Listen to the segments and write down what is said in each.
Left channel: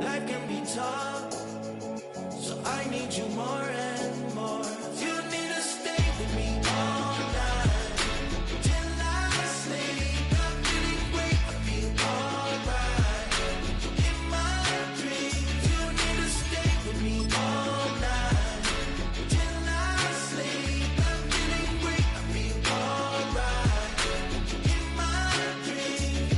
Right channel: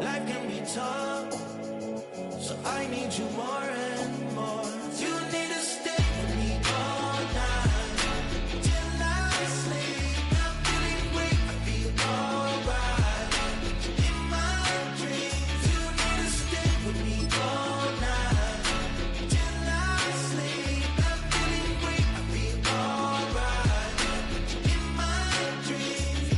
Life can be tough, so I need you more and more. You need to stay with me all night till I sleep. I'm feeling great, I'll be alright. In my dreams, you need to stay with me all night till I sleep. I'm feeling great, I'll be alright. In my dreams.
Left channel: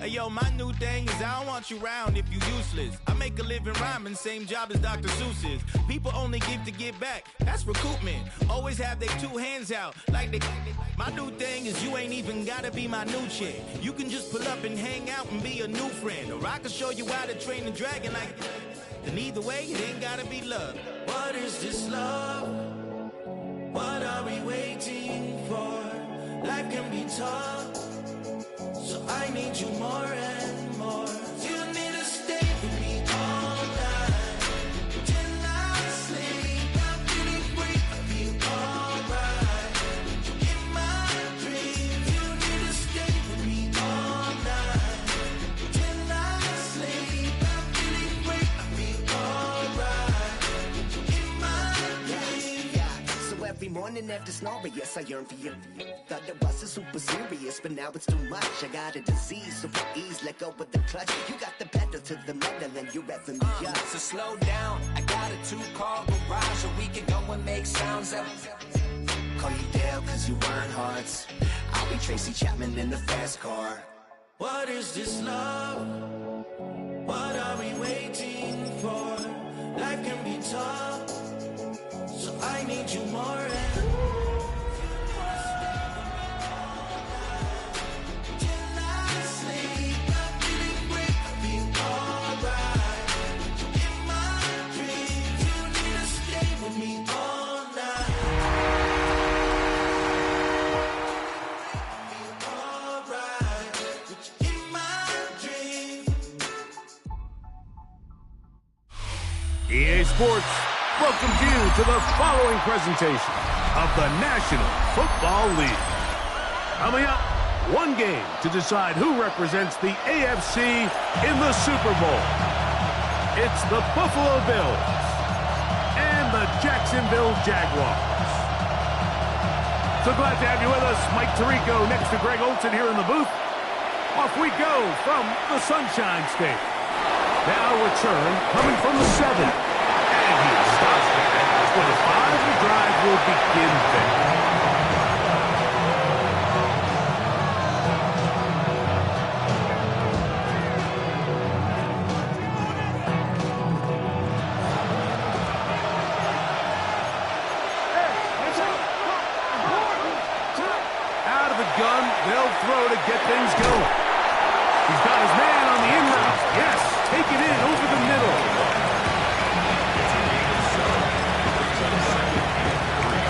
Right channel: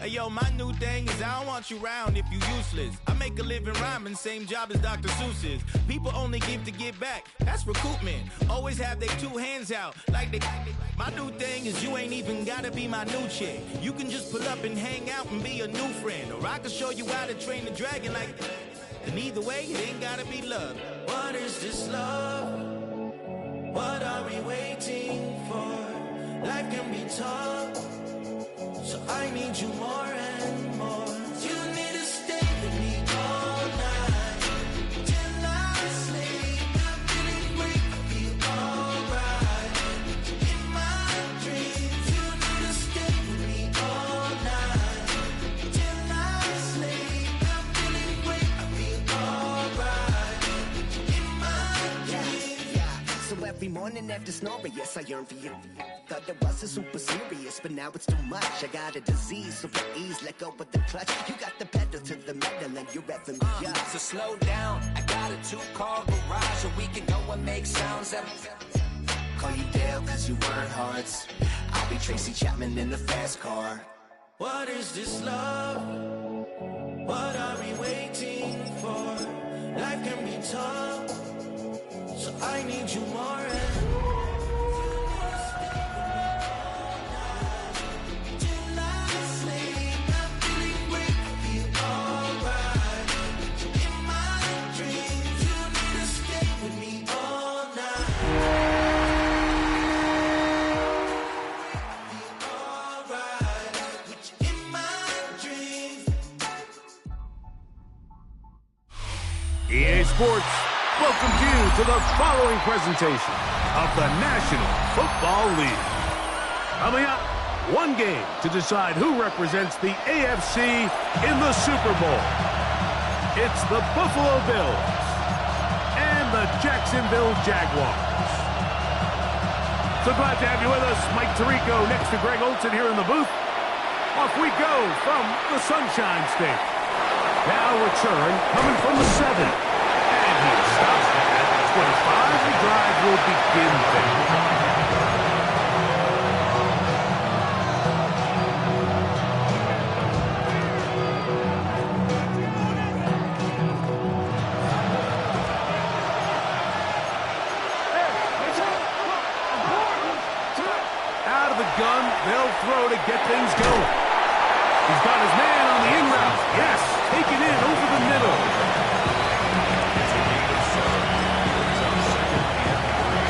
Hey yo, my new thing is I don't want you around if you useless. I make a living rhyming, same job as Dr. Seuss's. People only give to get back, that's recoupment. Always have their two hands out, like they. My new thing is you ain't even gotta be my new chick. You can just pull up and hang out and be a new friend. Or I can show you how to train the dragon like. And either way, it ain't gotta be love. What is this love? What are we waiting for? Life can be tough, so I need you more and more. You need to stay with me all night till I sleep. I'm feeling great, I'll be alright. In my dreams, you need to stay with me all night till I sleep. I'm feeling great, I'll be alright. In my dreams. Yeah. So every morning after snoring, yes, I yearn for you. Thought it wasn't super serious, but now it's too much. I got a disease, so for ease, let go with the clutch. You got the pedal to the metal and you're revving me up. So slow down, I got a 2-car garage, or we can go and make sounds that... Call you Dale, cause you weren't hearts. I'll be Tracy Chapman in the fast car. What is this love? What are we waiting for? Life can be tough, so I need you more and more. EA Sports welcomes you to the following presentation of the National Football League. Coming up, one game to decide who represents the AFC in the Super Bowl. It's the Buffalo Bills and the Jacksonville Jaguars. So glad to have you with us. Mike Tirico next to Greg Olson here in the booth. Off we go from the Sunshine State. Now return coming from the 7. And he stops at 25. The drive will begin there. Out of the gun, they'll throw to get things going. He's got his man on the in route. Yes, take it in over the middle. It's a gain of 7. Brings up 2nd and 3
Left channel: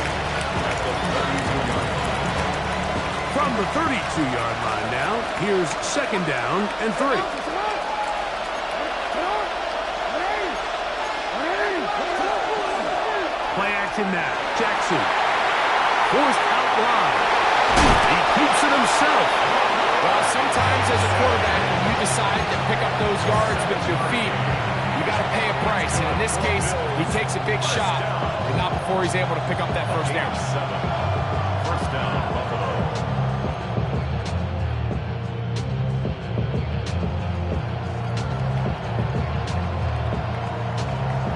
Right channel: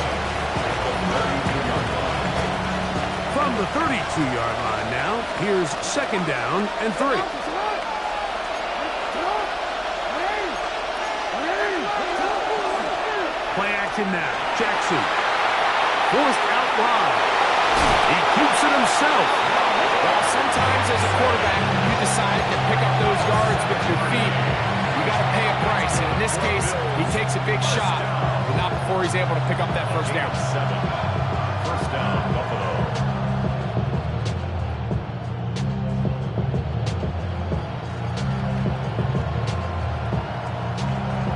at the 32-yard line. From the 32-yard line now, here's 2nd down and 3. Play action now. Jackson. Forced out wide. He keeps it himself. Well, sometimes as a quarterback, when you decide to pick up those yards with your feet, you got to pay a price. And in this case, he takes a big shot, but not before he's able to pick up that first down. 7. First down, Buffalo.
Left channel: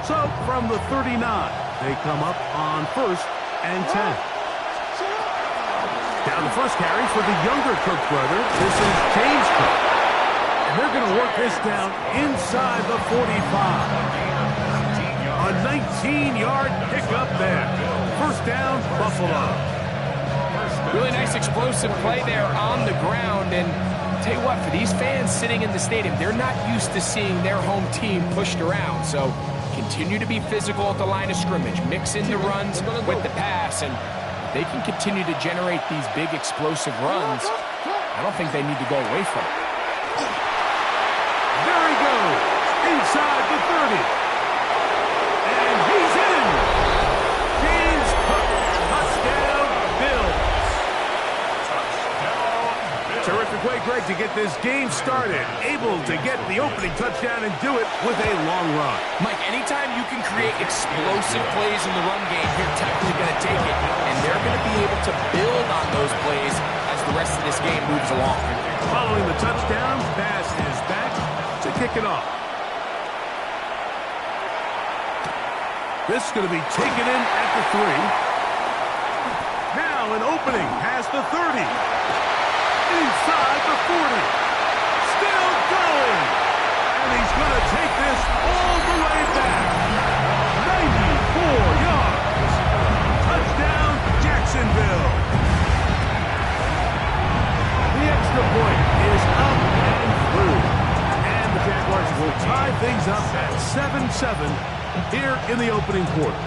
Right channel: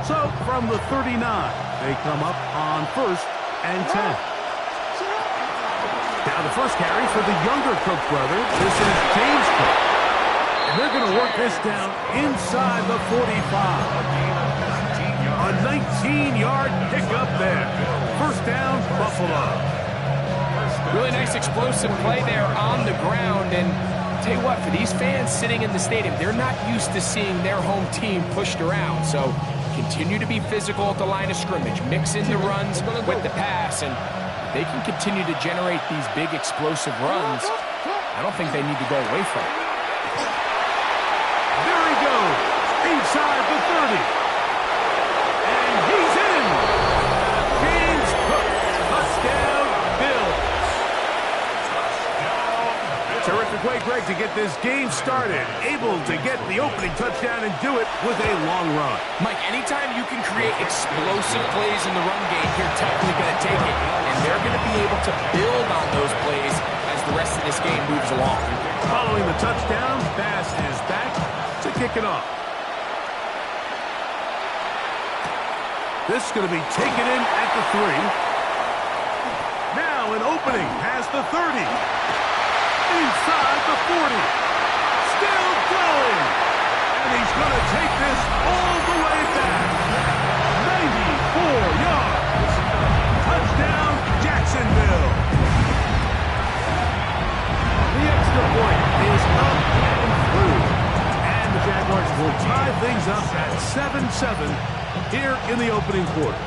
So from the 39, they come up on 1st and 10. Now the first carry for the younger Cook brother. This is James Cook. And they're going to work this down inside the 45. A 19-yard pickup there. First down, Buffalo. Really nice explosive play there on the ground. And tell you what, for these fans sitting in the stadium, they're not used to seeing their home team pushed around. So continue to be physical at the line of scrimmage. Mix in the runs with the pass. And they can continue to generate these big explosive runs. I don't think they need to go away from it. There he goes, inside the 30. And he's in. James Cook, touchdown, Bills. Touchdown, Bills. Terrific way, Greg, to get this game started. Able to get the opening touchdown and do it with a long run. Mike, anytime you can create explosive plays in the run game, you're definitely going to take it. And they're going to be able to build on those plays as the rest of this game moves along. Following the touchdown, pass is back to kick it off. This is going to be taken in at the 3. Now an opening past the 30. Inside the 40. Still going. And he's going to take this all the way back. 94 yards. Touchdown, Jacksonville. The extra point is up and through. And the Jaguars will tie things up at 7-7 here in the opening quarter.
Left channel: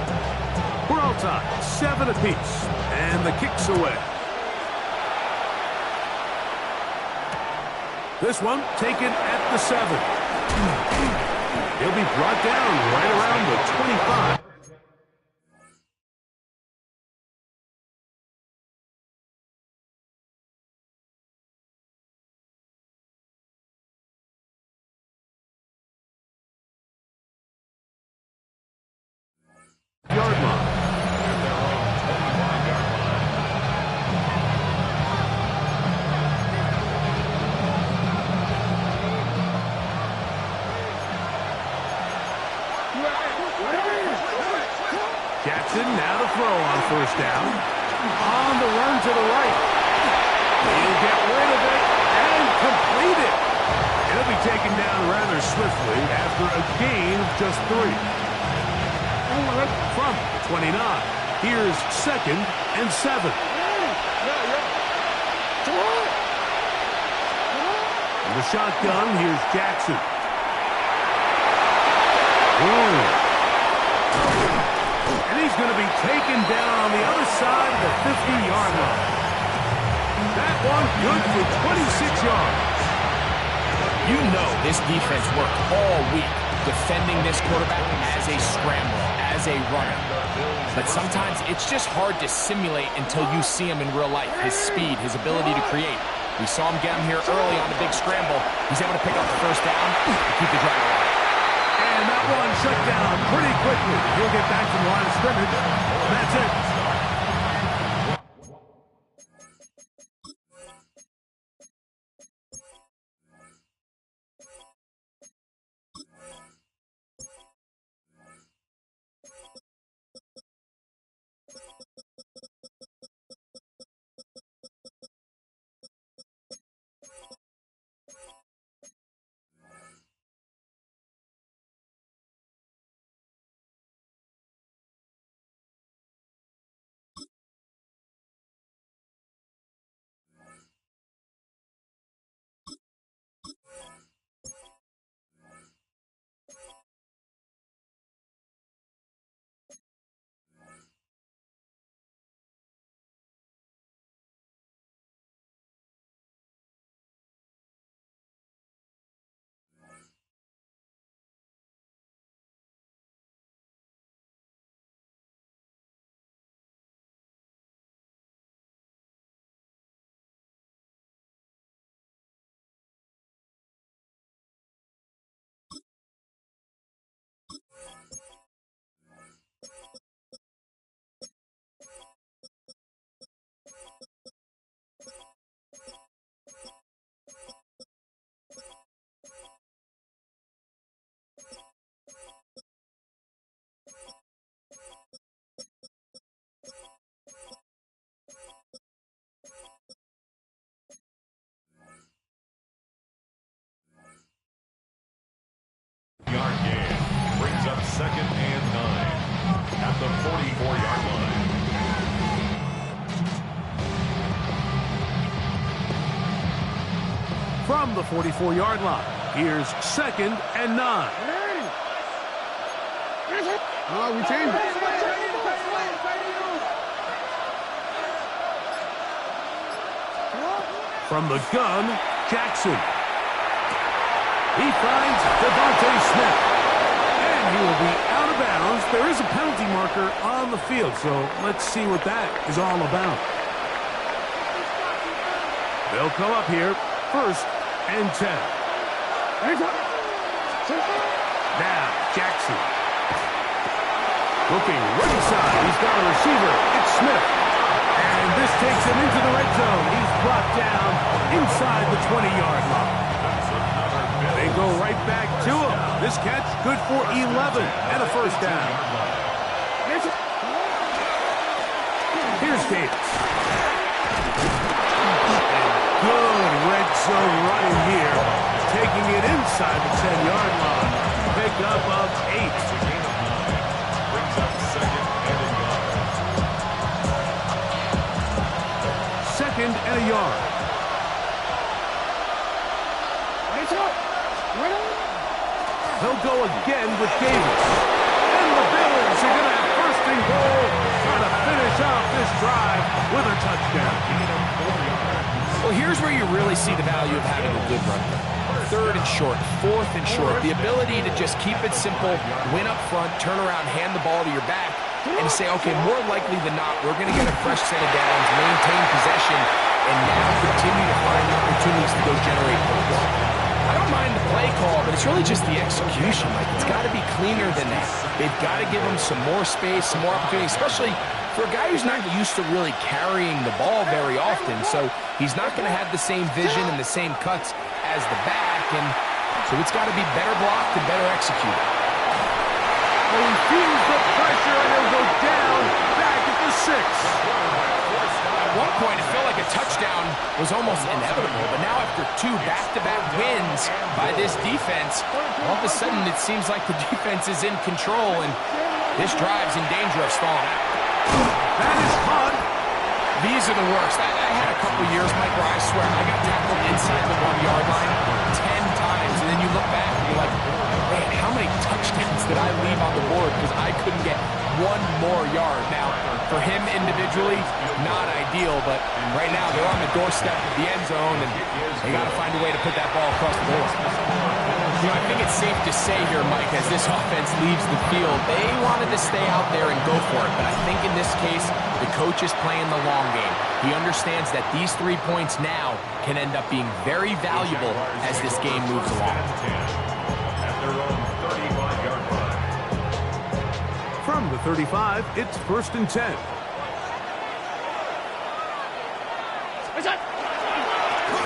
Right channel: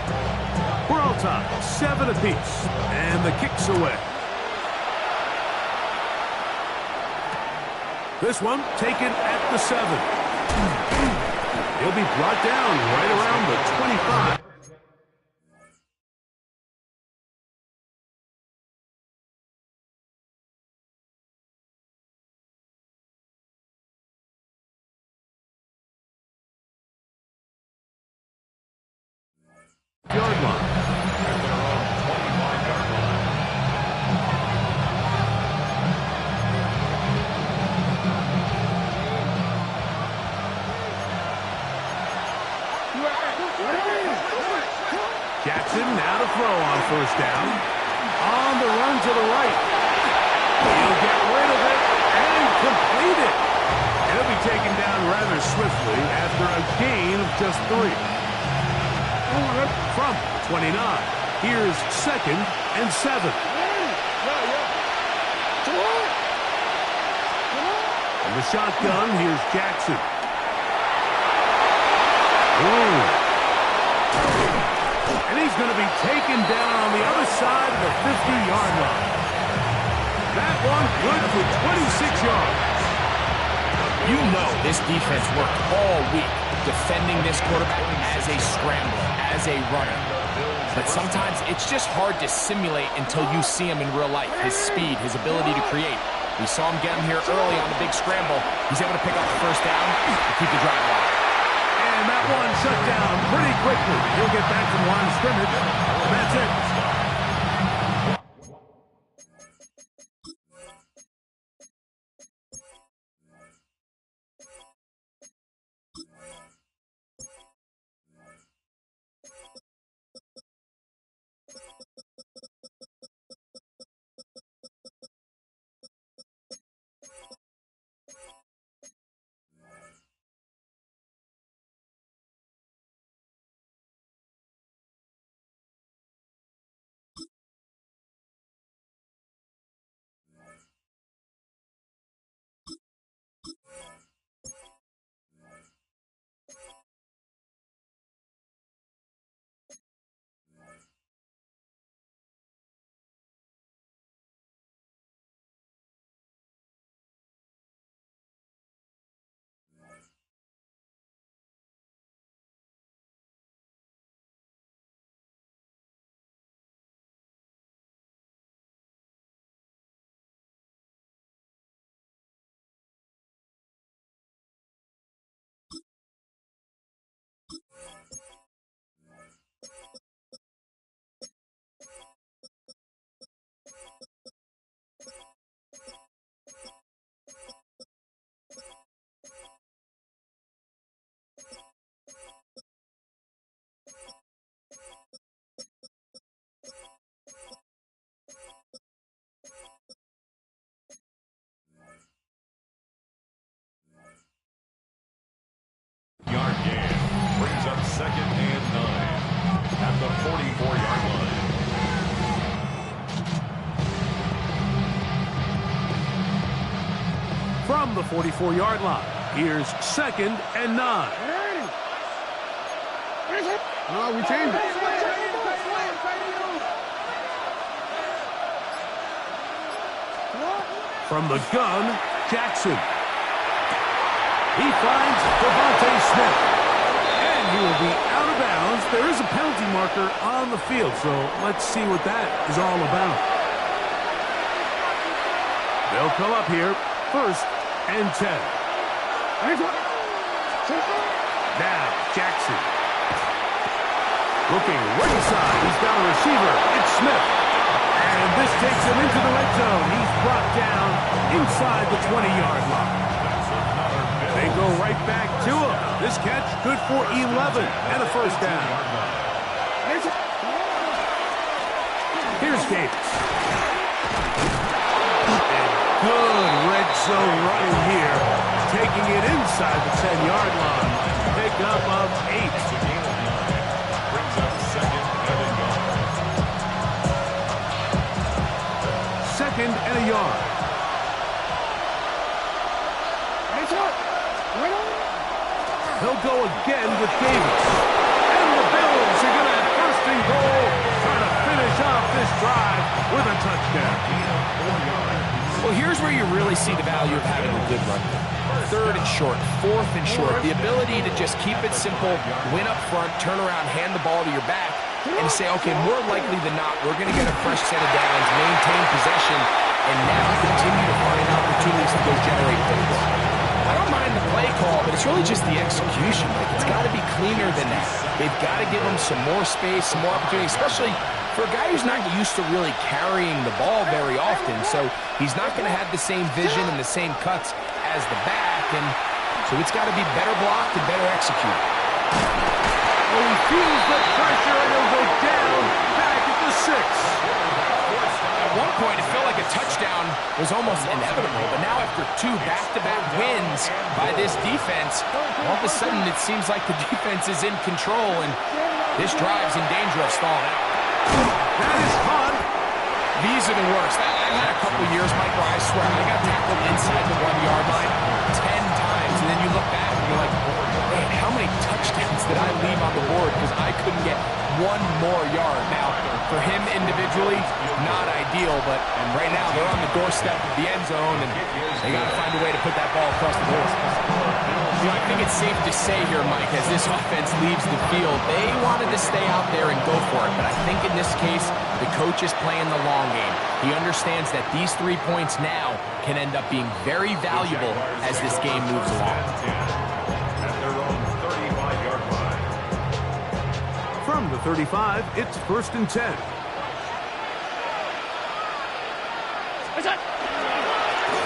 We're all tied, 7 apiece, and the kick's away. This one taken at the 7. He'll be brought down right around the 25. Yard line. At their own 25-yard line. Jackson now to throw on first down. On the run to the right. He'll get rid of it and complete it. It'll be taken down rather swiftly after a gain of just 3. From the 29, here's 2nd and 7. From the shotgun, here's Jackson. And he's going to be taken down on the other side of the 50-yard line. That one good for 26 yards. You know this defense worked all week defending this quarterback as a scrambler, as a runner. But sometimes it's just hard to simulate until you see him in real life. His speed, his ability to create. We saw him get him here early on the big scramble. He's able to pick up the first down to keep the drive alive. And that one shut down pretty quickly. He'll get back to the line of scrimmage. That's it. Yard gain brings up 2nd and 9 at the 44-yard line. From the 44-yard line, here's 2nd and 9. Oh, we changed it. From the gun, Jackson. He finds Devontae Smith. And he will be out of bounds. There is a penalty marker on the field, so let's see what that is all about. They'll come up here 1st and 10. Now, Jackson. Looking right side. He's got a receiver. It's Smith. And this takes him into the red zone. He's brought down inside the 20-yard line. They go right back to him. This catch good for 11 and a 1st down. Here's Davis. And good red zone running here. Taking it inside the 10-yard line. Pickup of 8. It's a gain of 9. Brings up 2nd and a yard. 2nd and a yard. He'll go again with Davis. And the Bills are going to have 1st and goal. Trying to finish off this drive with a touchdown. Gain of 4 yards. Well, here's where you really see the value of having a good run game. 3rd and short, 4th and short. The ability to just keep it simple, win up front, turn around, hand the ball to your back, and say, okay, more likely than not, we're going to get a fresh set of downs, maintain possession, and now continue to find opportunities to go generate points. I don't mind the play call, but it's really just the execution. Like, it's got to be cleaner than that. They've got to give him some more space, some more opportunity, especially for a guy who's not used to really carrying the ball very often. So he's not going to have the same vision and the same cuts as the back, and so it's got to be better blocked and better executed. Oh, he feels the pressure, and he'll go down back at the 6. At one point, it felt like a touchdown was almost inevitable, but now after 2 back-to-back wins by this defense, all of a sudden it seems like the defense is in control, and this drive's in danger of stalling out. That is fun. These are the worst. I had a couple years, Mike, where I swear I got tackled inside the 1-yard line 10 times, and then you look back and you're like, man, how many touchdowns did I leave on the board because I couldn't get 1 more yard? Now, for him individually, not ideal, but right now they're on the doorstep of the end zone, and they got to find a way to put that ball across the board. You know, I think it's safe to say here, Mike, as this offense leaves the field, they wanted to stay out there and go for it, but I think in this case, the coach is playing the long game. He understands that these 3 points now can end up being very valuable as this game moves along. At their own 35-yard line. From the 35, it's 1st and 10.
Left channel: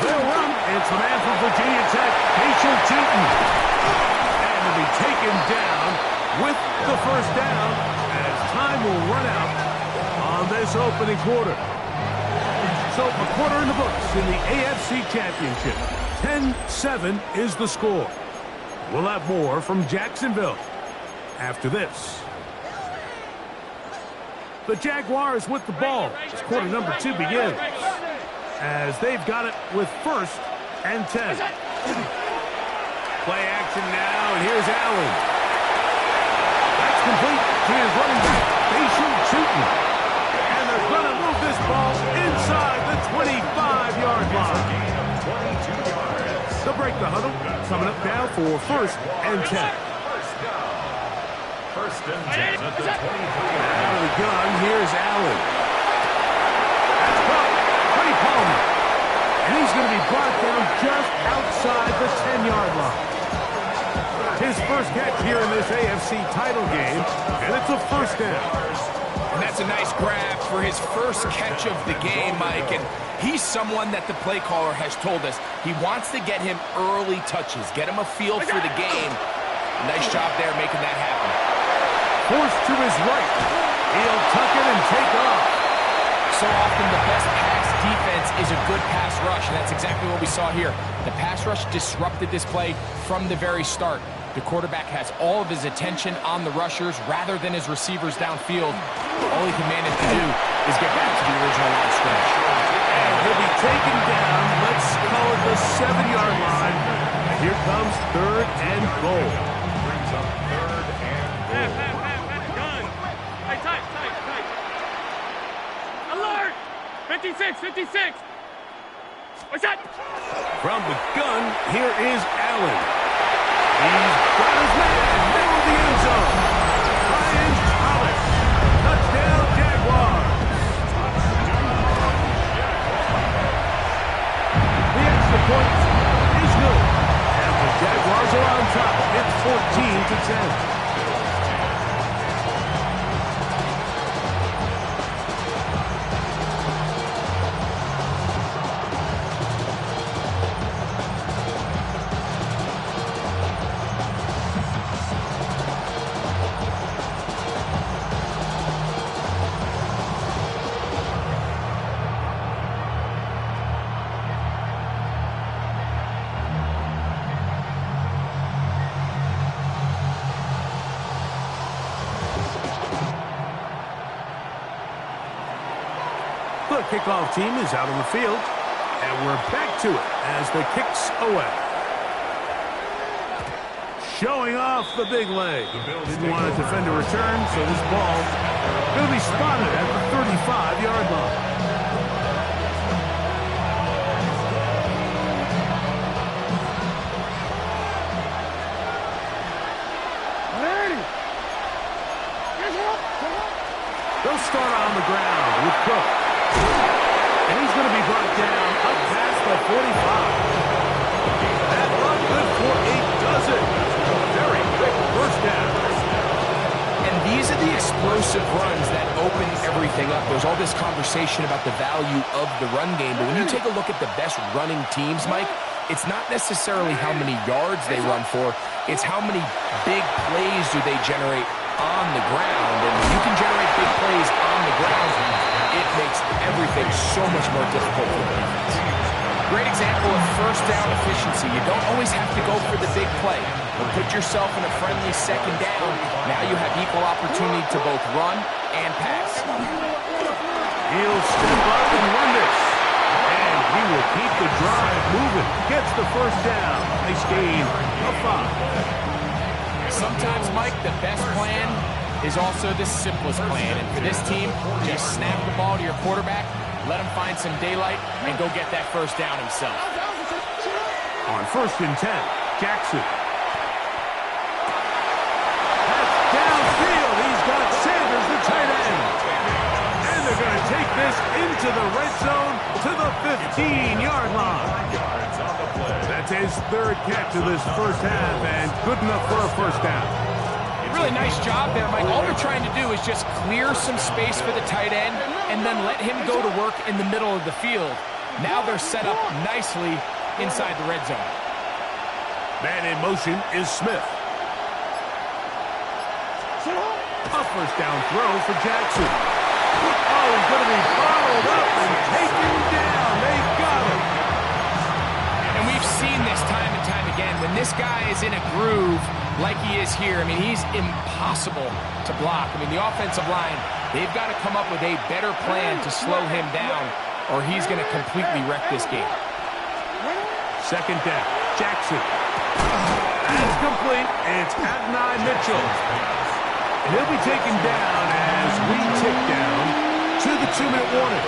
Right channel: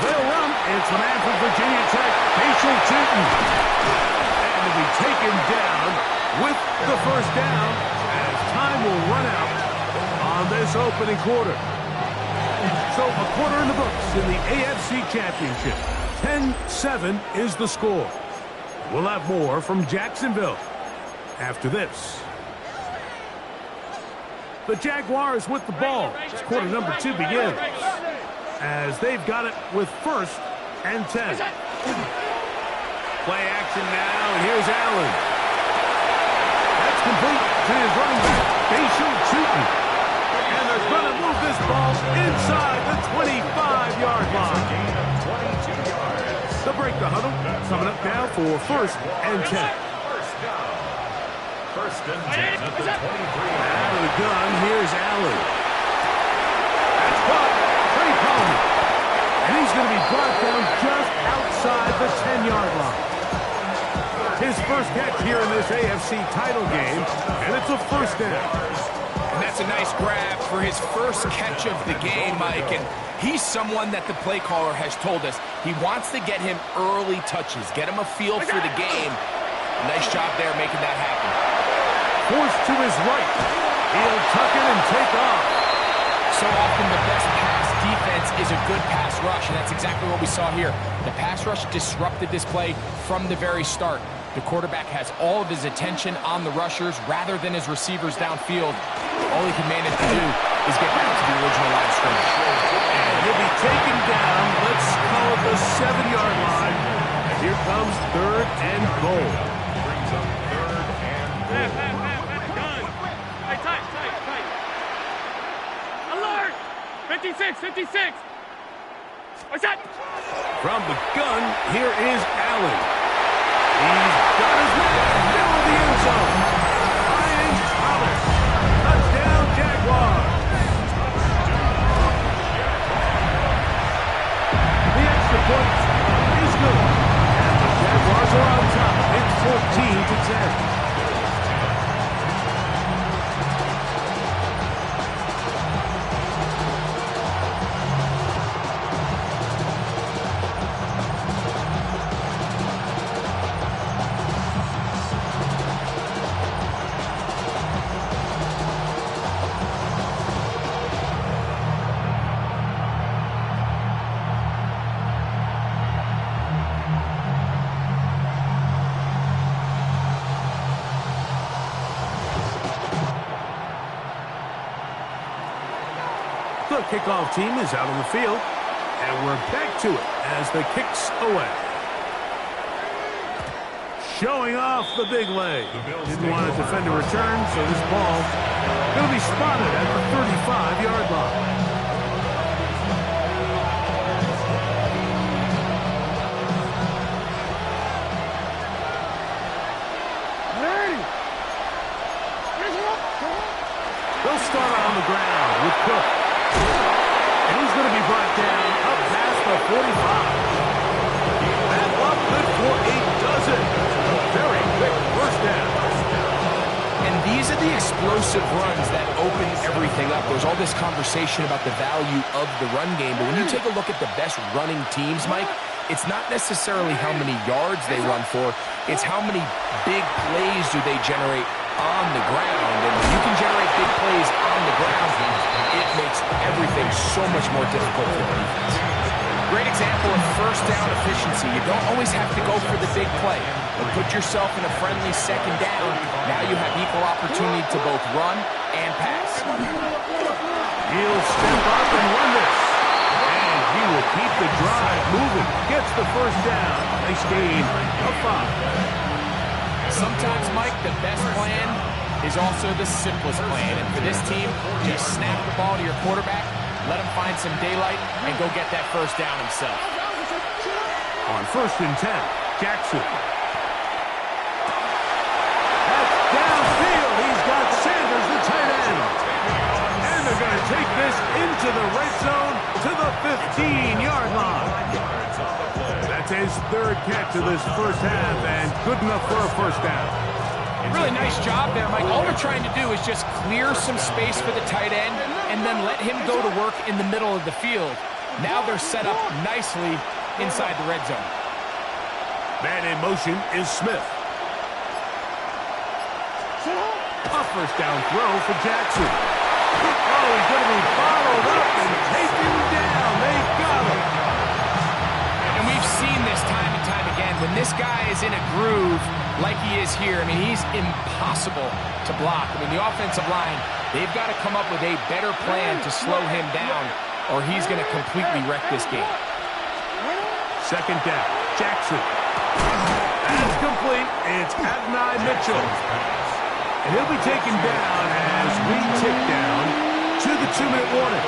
They'll run. It's the man from Virginia Tech, Facial Tootin. And to be taken down with the 1st down as time will run out on this opening quarter. So a quarter in the books in the AFC Championship. 10-7 is the score. We'll have more from Jacksonville after this. The Jaguars with the ball as quarter number 2 begins, as they've got it with 1st and 10. Play action now, and here's Allen. That's complete to his running back, Facial Tootin. And they're going to move this ball inside the 25-yard line. Gain of 22 yards. They'll break the huddle, coming up now for 1st and 10. 1st down. 1st and 10 at the 23. Out of the gun, here's Allen. That's caught. Trey Palmer. And he's going to be brought down just outside the 10-yard line. His first catch here in this AFC title game, and it's a 1st down. And that's a nice grab for his first catch of the game, Mike. And he's someone that the play caller has told us he wants to get him early touches, get him a feel for the game. Nice job there making that happen. Forced to his right. He'll tuck it and take off. So often the best pass defense is a good pass rush, and that's exactly what we saw here. The pass rush disrupted this play from the very start. The quarterback has all of his attention on the rushers rather than his receivers downfield. All he can manage to do is get back to the original line of scrimmage. And he'll be taken down, let's call it the 7-yard line. And here comes 3rd and goal. Brings up 3rd and goal. Gun. Hey, tight. Alert! 56. What's that? From the gun, here is Allen. He's got his man, middle of the end zone. Ryan Thomas. Touchdown, Jaguars. The extra extra point is good. And the Jaguars are on top. It's 14-10. The kickoff team is out on the field, and we're back to it as the kick's away. Showing off the big leg. Didn't want to defend a return, so this ball going to be spotted at the 35-yard line. They'll start on the ground with Cook. And he's going to be brought down up past the 45. That look good for 8 does it. A very quick first down. And these are the explosive runs that open everything up. There's all this conversation about the value of the run game, but when you take a look at the best running teams, Mike, it's not necessarily how many yards they run for, it's how many big plays do they generate on the ground. And when you can generate big plays on the ground, it makes everything so much more difficult for the defense. Great example of first down efficiency. You don't always have to go for the big play, but put yourself in a friendly second down. Now you have equal opportunity to both run and pass. He'll step up and run this. And he will keep the drive moving. Gets the first down. Nice gain of 5. Sometimes, Mike, the best plan is also the simplest plan. And for this team, just snap the ball to your quarterback, let him find some daylight, and go get that first down himself. On 1st and 10, Jackson. That's downfield. He's got Sanders, the tight end. And they're going to take this into the red zone to the 15-yard line. That's his 3rd catch of this first half, and good enough for a first down. Really nice job there, Mike. All they're trying to do is just clear some space for the tight end and then let him go to work in the middle of the field. Now they're set up nicely inside the red zone. Man in motion is Smith. A first down throw for Jackson. Oh, he's going to be bottled up and taken down. They got him. And we've seen this time and time again. When this guy is in a groove like he is here, I mean, he's impossible to block. I mean, the offensive line, they've got to come up with a better plan to slow him down, or he's going to completely wreck this game. 2nd down, Jackson. That's complete. It's Adonai Mitchell. And he'll be taken down as we tick down to the 2-minute warning.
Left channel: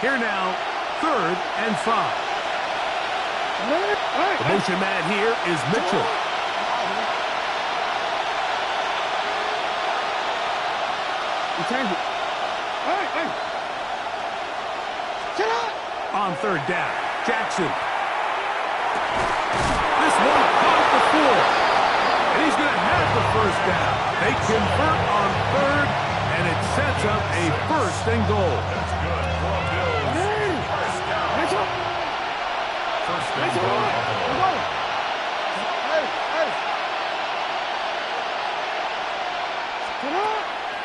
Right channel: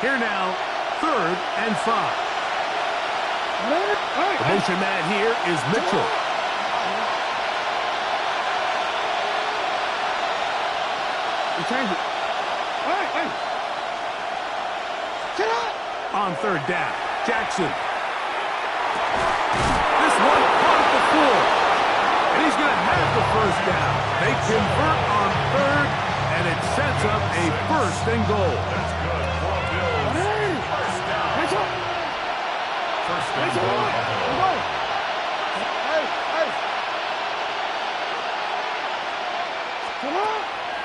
Here now, 3rd and 5. The motion man here is Mitchell. On 3rd down, Jackson. This one caught at the 4. And he's going to have the first down. They convert on 3rd, and it sets up a 1st and goal. That's good for a Bills. First down. First and goal.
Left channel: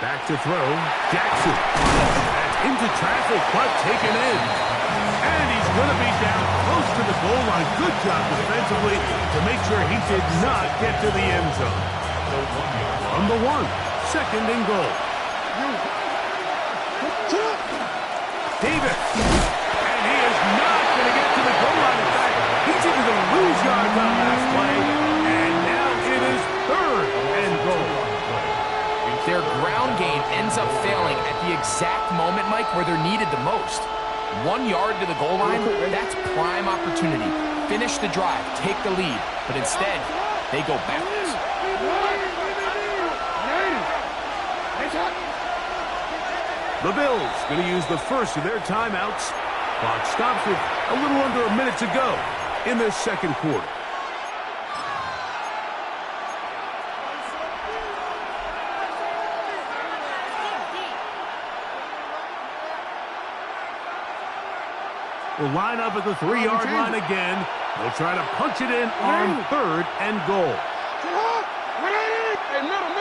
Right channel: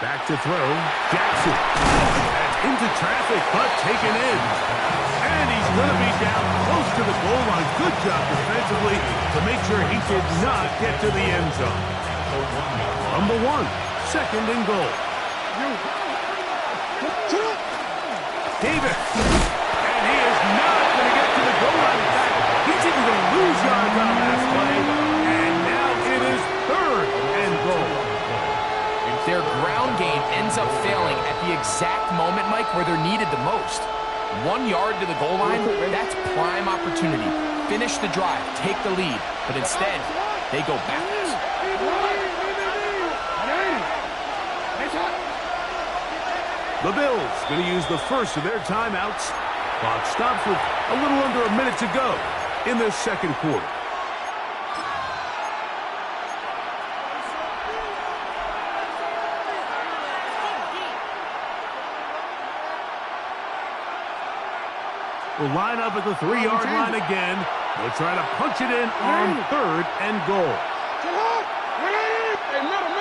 Back to throw, Jackson. That's into traffic, but taken in. And he's going to be down close to the goal line. Good job defensively to make sure he did not get to the end zone. From the 1, 2nd and goal. Davis. And he is not going to get to the goal line. In fact, he's even going to lose yards on that play. And now it is 3rd and goal. Their ground game ends up failing at the exact moment, Mike, where they're needed the most. 1 yard to the goal line, that's prime opportunity. finish the drive, take the lead, but instead, they go backwards. The Bills going to use the first of their timeouts. Clock stops with a little under a minute to go in the second quarter. Will line up at the 3-yard line again. They'll try to punch it in on 3rd and goal. Hey, middle.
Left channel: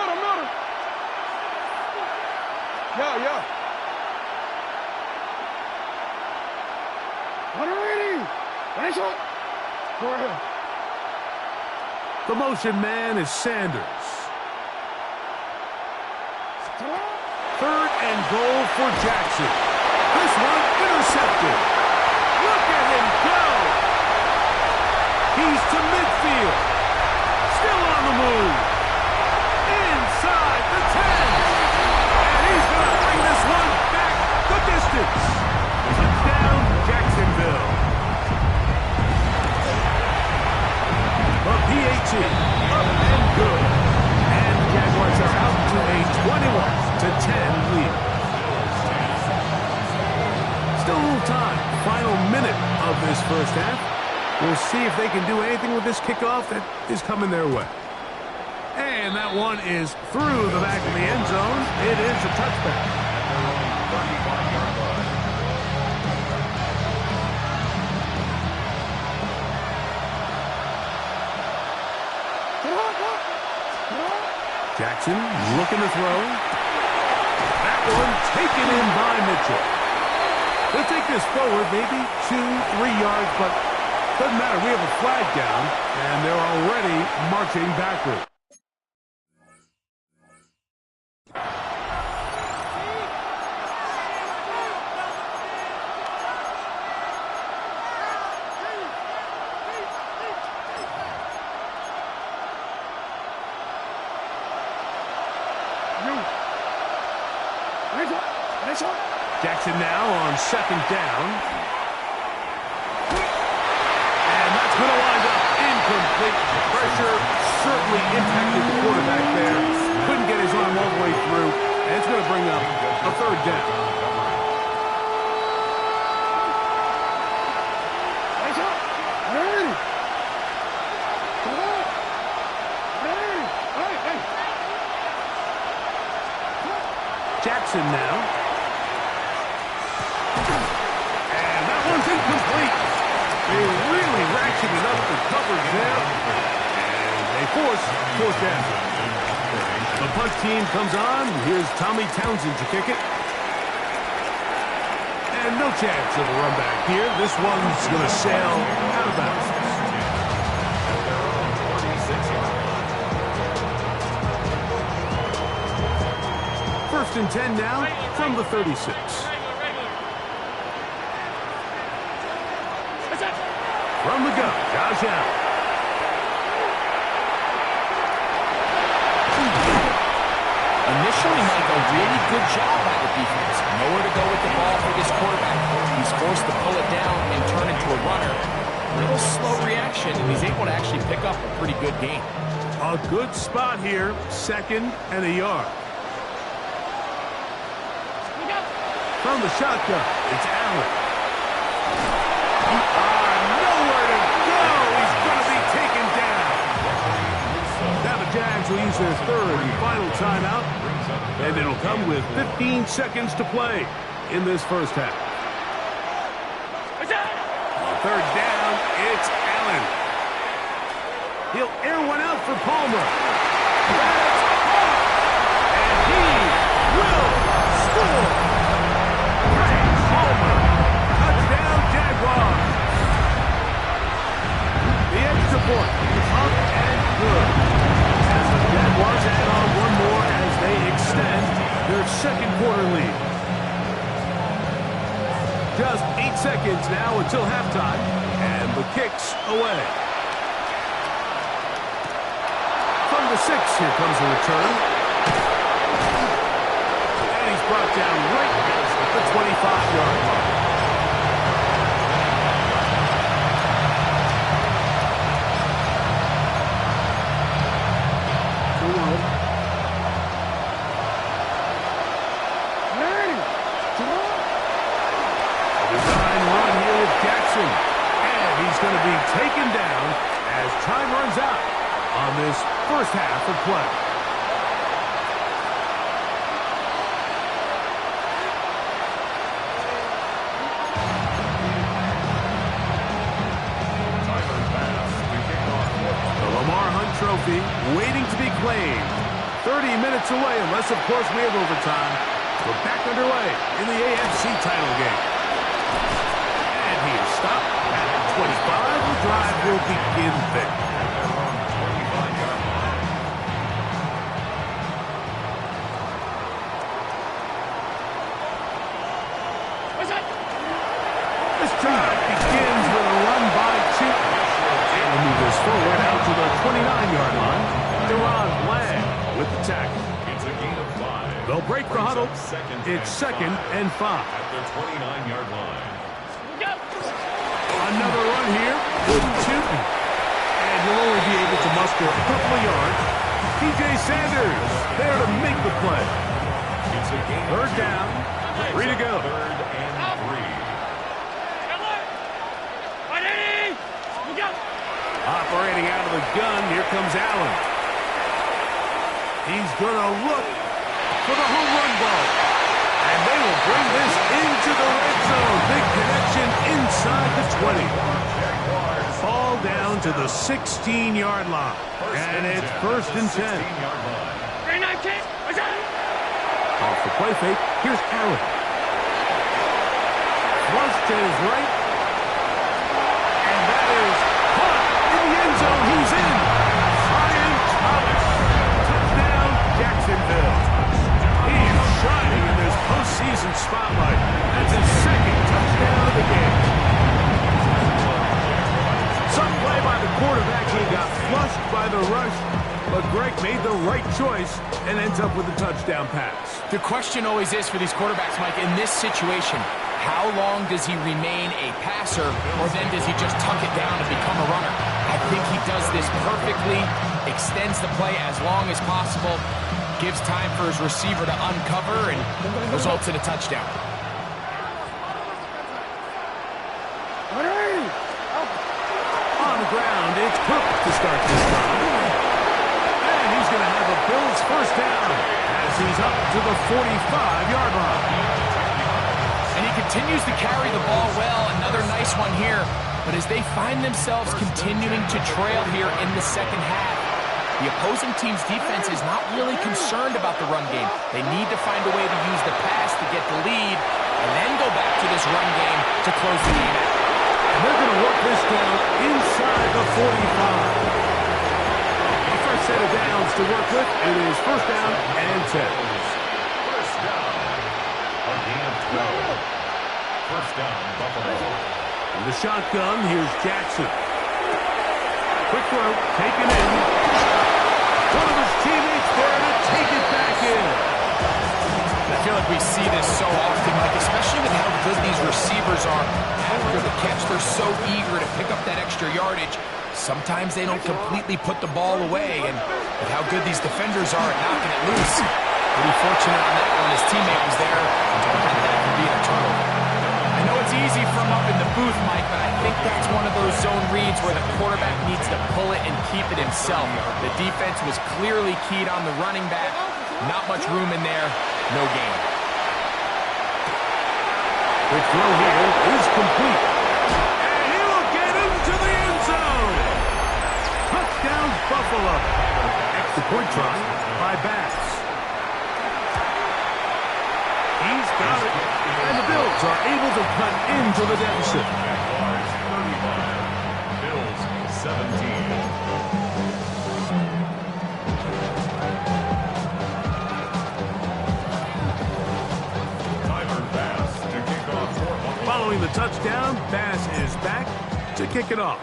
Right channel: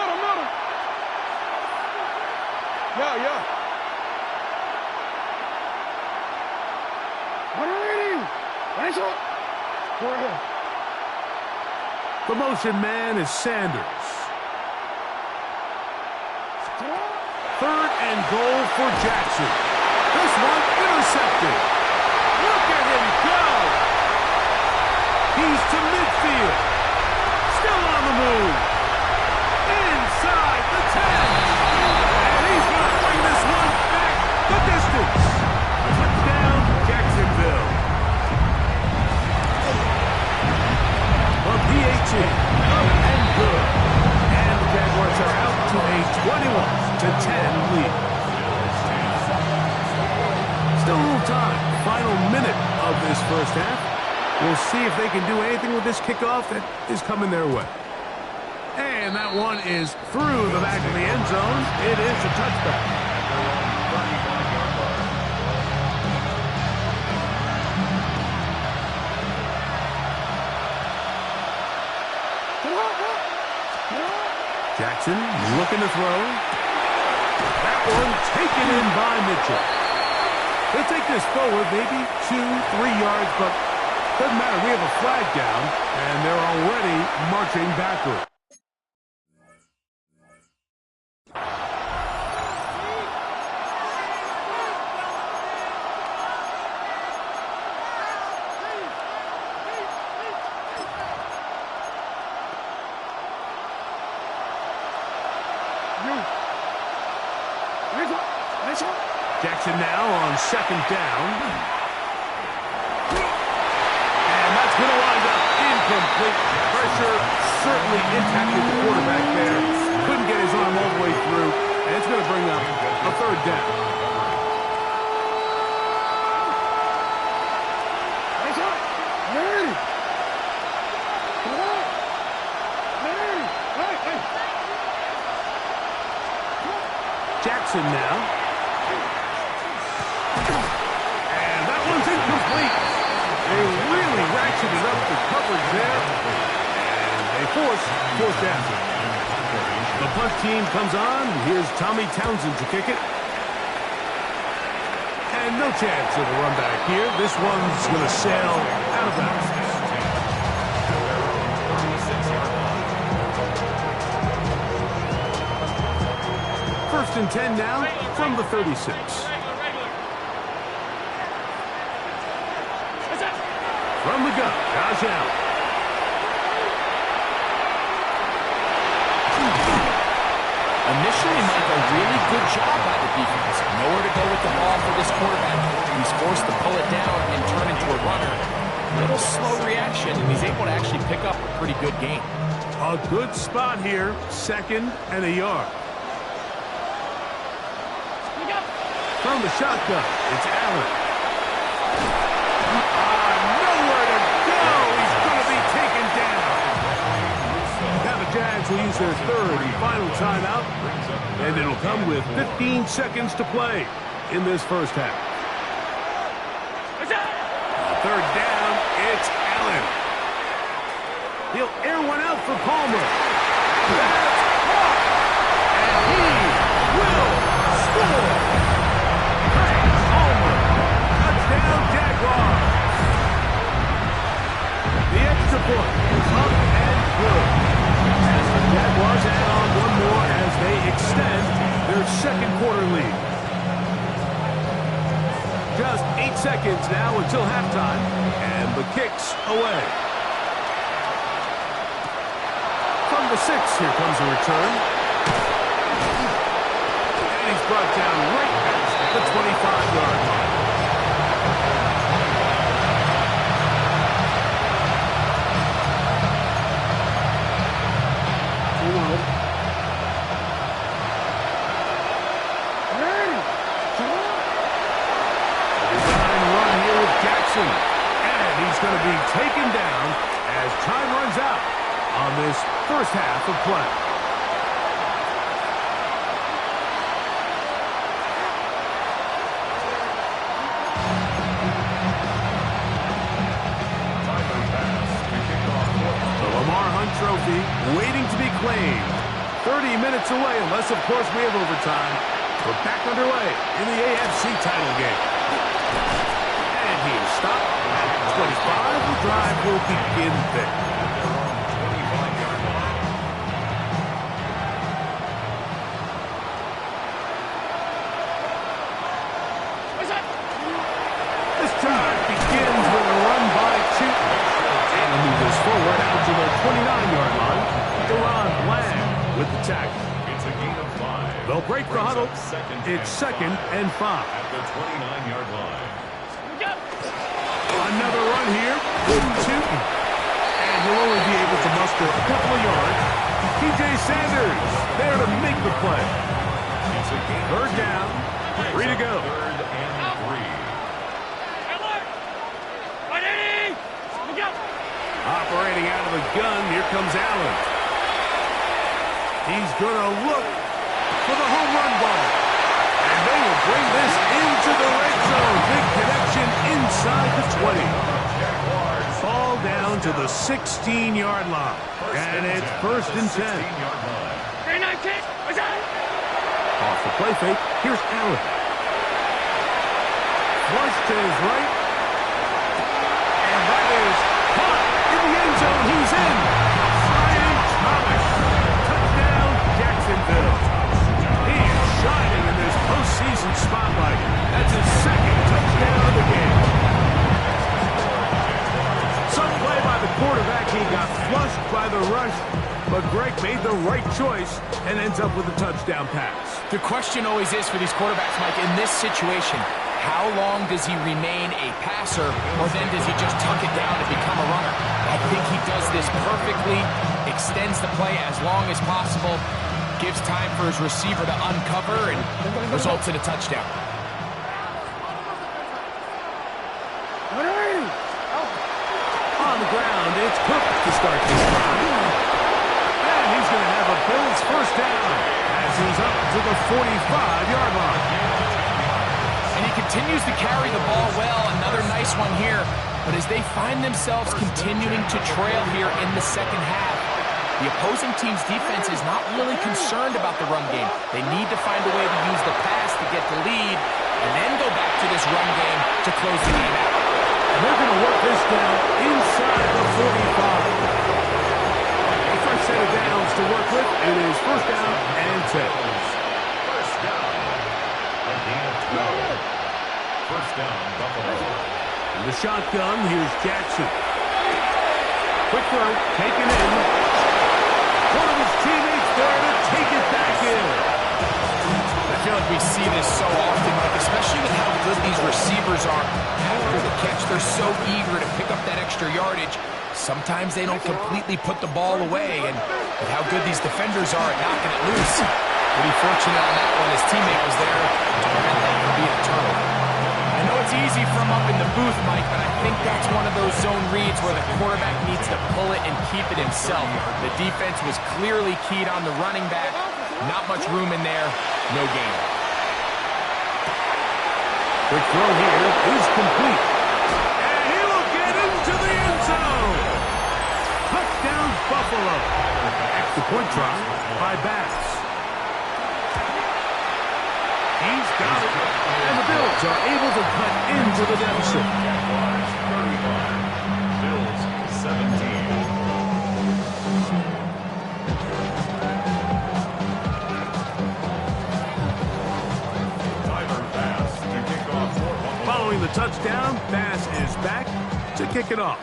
Yeah. Go ahead. The motion man is Sanders. 3rd and goal for Jackson. This one intercepted. Look at him go. He's to midfield. Still on the move. Inside the 10. And he's going to bring this one back the distance. Touchdown, Jacksonville. The PAT up and good. And the Jaguars are out to a 21-10 lead. Still a little time. Final minute of this first half. We'll see if they can do anything with this kickoff that is coming their way. And that one is through the back of the end zone. It is a touchback. At their own 35-yard line. Jackson looking to throw. That one taken in by Mitchell. They'll take this forward, maybe 2-3 yards, but doesn't matter. We have a flag down, and they're already marching backward. Jackson now on 2nd down. And that's going to wind up incomplete. Pressure certainly impacted the quarterback there. Couldn't get his arm all the way through. And it's going to bring up a 3rd down. Jackson now. And that one's incomplete. They really ratcheted up the coverage there. And they force 4th down. The punt team comes on. Here's Tommy Townsend to kick it. And no chance of a run back here. This one's going to sail out of bounds. At their own 36-yard line. 1st and 10 now from the 36. From the gun, Josh Allen. Initially, Mike, a really good job by the defense. Nowhere to go with the ball for this quarterback. He's forced to pull it down and turn into a runner. Little slow reaction, and he's able to actually pick up a pretty good gain. A good spot here, 2nd and a yard. From the shotgun, it's Allen. Nowhere to go. He's going to be taken down. Now the Jags will use their 3rd and final timeout. And it'll come with 15 seconds to play in this first half. 3rd down, it's Allen. He'll air one out for Palmer. That's caught. And he will score. Palmer. Touchdown, Jaguars. The extra point is up and good. As the Jaguars add on one more as they extend their 2nd quarter lead. Just 8 seconds now until halftime, and the kick's away. From the 6, here comes a return. And he's brought down right at the 25-yard line. A design run here with Jackson. And he's going to be taken down as time runs out on this first half of play. The Lamar Hunt Trophy waiting to be claimed. 30 minutes away, unless, of course, we have overtime. We're back underway in the AFC title game. And he is stopped at 25. The drive will begin there. At their own 25-yard line. This drive begins with a run by Tootin. And he'll move this forward out to the 29-yard line. Deron Bland with the tackle. It's a gain of 5. They'll break the huddle. It's second and 5. At their 29-yard line. Another run here with Tootin. And he'll only be able to muster a couple of yards. TJ Sanders there to make the play. It's a gain Third of 2. down. 3 to go. Third and 3. Operating out of the gun, here comes Allen. He's going to look for the home run ball. And they will bring this into the red zone. Big connection inside the 20. Ball down to the 16-yard line. And it's first and 10. Off the play fake, here's Allen. Flush to his right. And that is caught in the end zone. He's in. Ryan Thomas. Touchdown, Jacksonville. He is shining in this postseason spotlight. That's his second touchdown of the game. Some play by the quarterback. He got flushed by the rush. But Greg made the right choice and ends up with a touchdown pass. The question always is for these quarterbacks, Mike, in this situation, how long does he remain a passer, or then does he just tuck it down and become a runner? I think he does this perfectly, extends the play as long as possible, gives time for his receiver to uncover, and results in a touchdown. On the ground, it's Cook to start this drive. And he's going to have a Bills first down as he's up to the 45-yard line. And he continues to carry the ball well. Another nice one here. But as they find themselves continuing to trail here in the second half, the opposing team's defense is not really concerned about the run game. They need to find a way to use the pass to get the lead and then go back to this run game to close the game out. And they're going to work this down inside the 45. A fresh set of downs to work with. It is first down and 10. First down. A gain of 12. First down, Buffalo. In the shotgun, here's Jackson. Quick throw, taken in. One of his teammates there to take it back in. I feel like we see this so often, Mike, especially with how good these receivers are after the catch. They're so eager to pick up that extra yardage. Sometimes they don't completely put the ball away, and with how good these defenders are at knocking it loose, pretty fortunate on that one. His teammate was there to prevent that from being a turnover. I know it's easy from up in the booth, Mike, but I think that's one of those zone reads where the quarterback needs to pull it and keep it himself. The defense was clearly keyed on the running back. Not much room in there. No gain. Quick throw here is complete. And he will get into the end zone. Touchdown, Buffalo. Extra point try by Bass. He's got it. And the Bills are able to cut into the deficit. Jaguars 35. Bills 17. Following the touchdown, Bass is back to kick it off.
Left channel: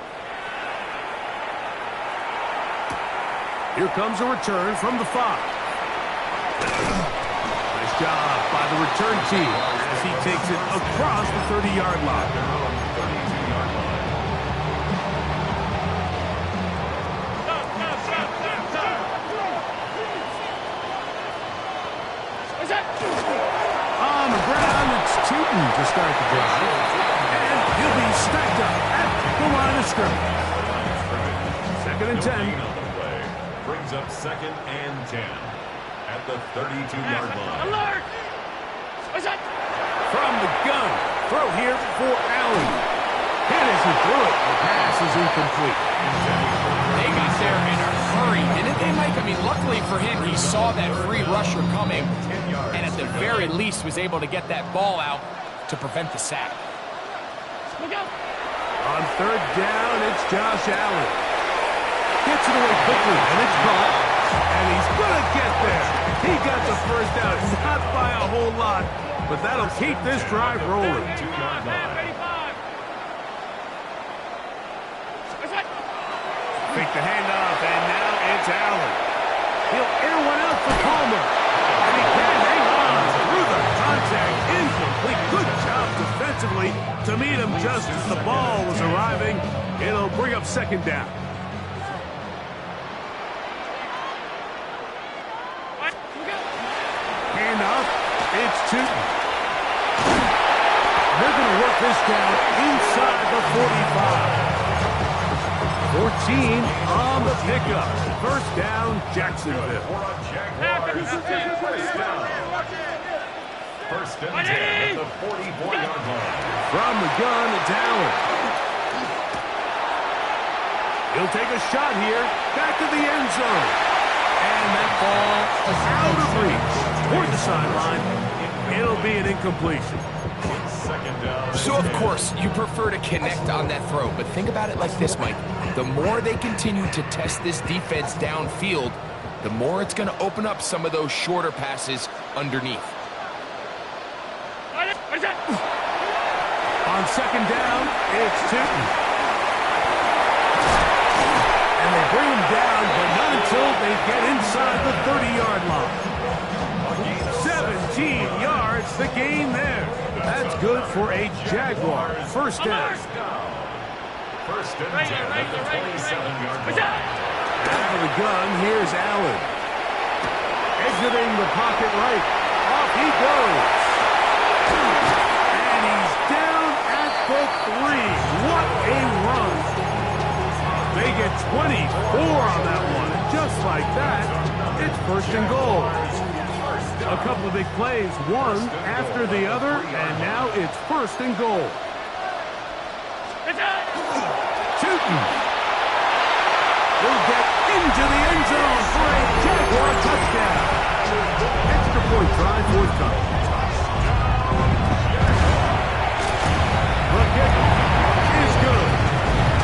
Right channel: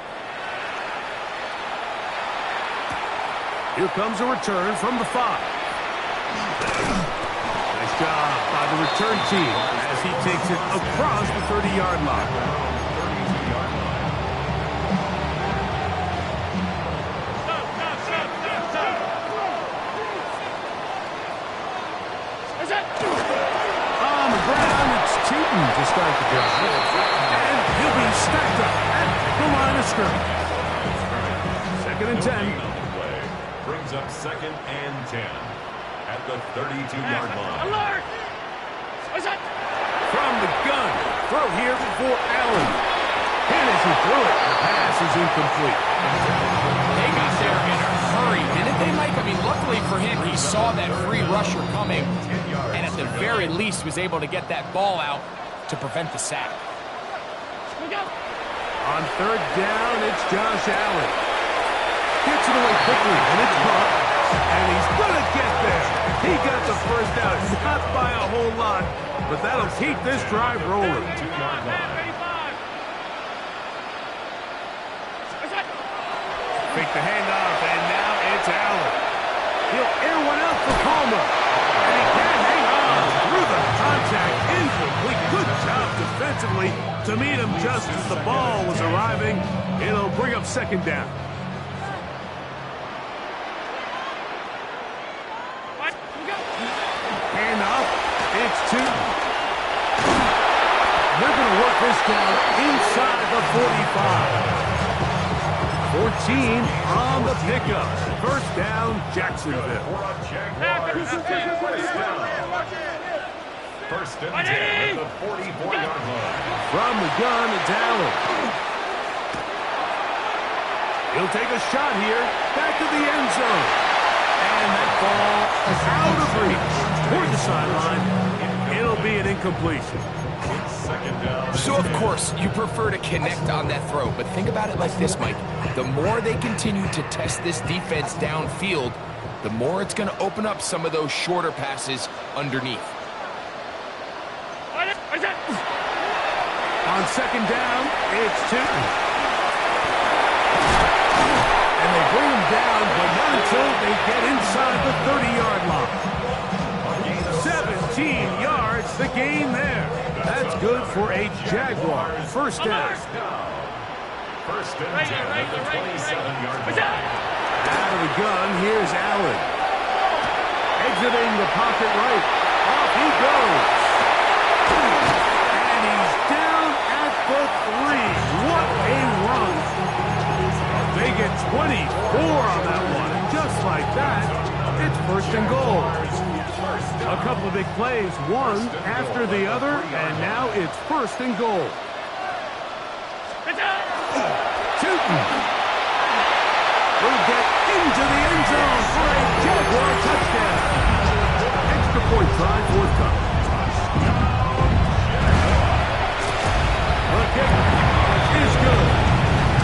Here comes a return from the 5. Nice job by the return team as he takes it across the 30-yard line. Their own 32-yard line. On the ground, it's Tootin to start the drive. And he'll be stacked up at the line of scrimmage. Second and 10. On the way. Brings up second and 10 at the 32-yard line. Alert! From the gun, throw here for Allen. And as he threw it, the pass is incomplete. They got there in a hurry, didn't they, Mike? I mean, luckily for him, he saw that free rusher coming, and at the very least was able to get that ball out to prevent the sack. On third down, it's Josh Allen. Gets it away quickly, and it's caught. And he's going to get there. He got the first down, not by a whole lot, but that'll keep this drive rolling. 2-yard line. Fake the handoff, and now it's Allen. He'll air one out for Palmer. And he can't hang on through the contact. Incomplete. Good job defensively to meet him just as the ball was arriving. It'll bring up second down. Handoff. It's Tootin. They're going to work this down inside the 45. 14 on the pickup. First down, Jacksonville. First and 10 at the 44-yard line. From the gun, it's Allen. He'll take a shot here. Back to the end zone. And that ball is out of reach. Toward the sideline. It'll be an incompletion. So, of course, you prefer to connect on that throw, but think about it like this, Mike. The more they continue to test this defense downfield, the more it's going to open up some of those shorter passes underneath. On second down, it's Tootin. And they bring him down, but not until they get inside the 30-yard line. 17 yards, the gain there. That's good for a Jaguar. First down. First and 10 at the 27-yard line. Out of the gun, here's Allen. Exiting the pocket right. Off he goes. And he's down at the 3. What a run. They get 24 on that one. And just like that, it's first and goal. A couple of big plays, one after the other, and now it's first and goal. Tootin will get into the end zone for a Jaguar touchdown. Extra point try forthcoming. The kick is good.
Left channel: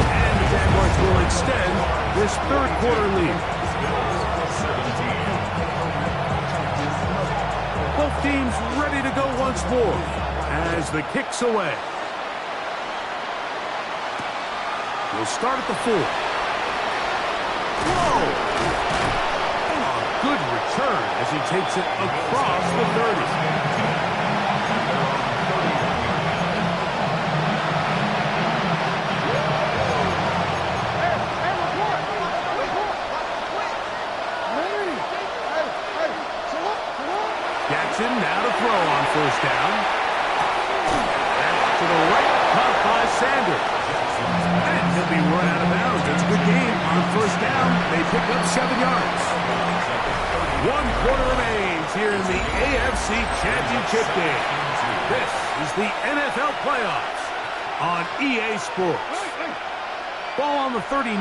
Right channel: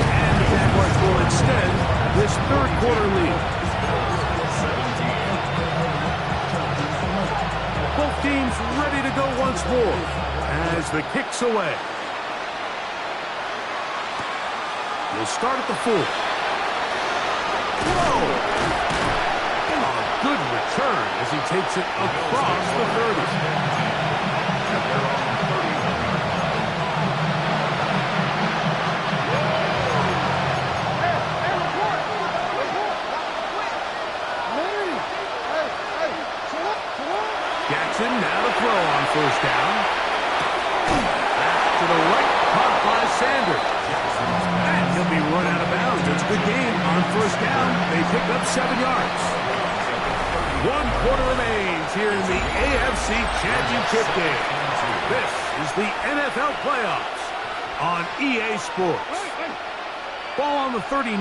And the Jaguars will extend this third quarter lead. Both teams ready to go once more as the kick's away. We'll start at the 4. Whoa! A good return as he takes it across the 30. At their own 31-yard line. Jackson now to throw on first down. That's to the right, caught by Sanders. And he'll be run out of bounds. It's a good game on first down. They pick up 7 yards. 1 quarter remains here in the AFC Championship game. This is the NFL playoffs on EA Sports. Ball on the 39.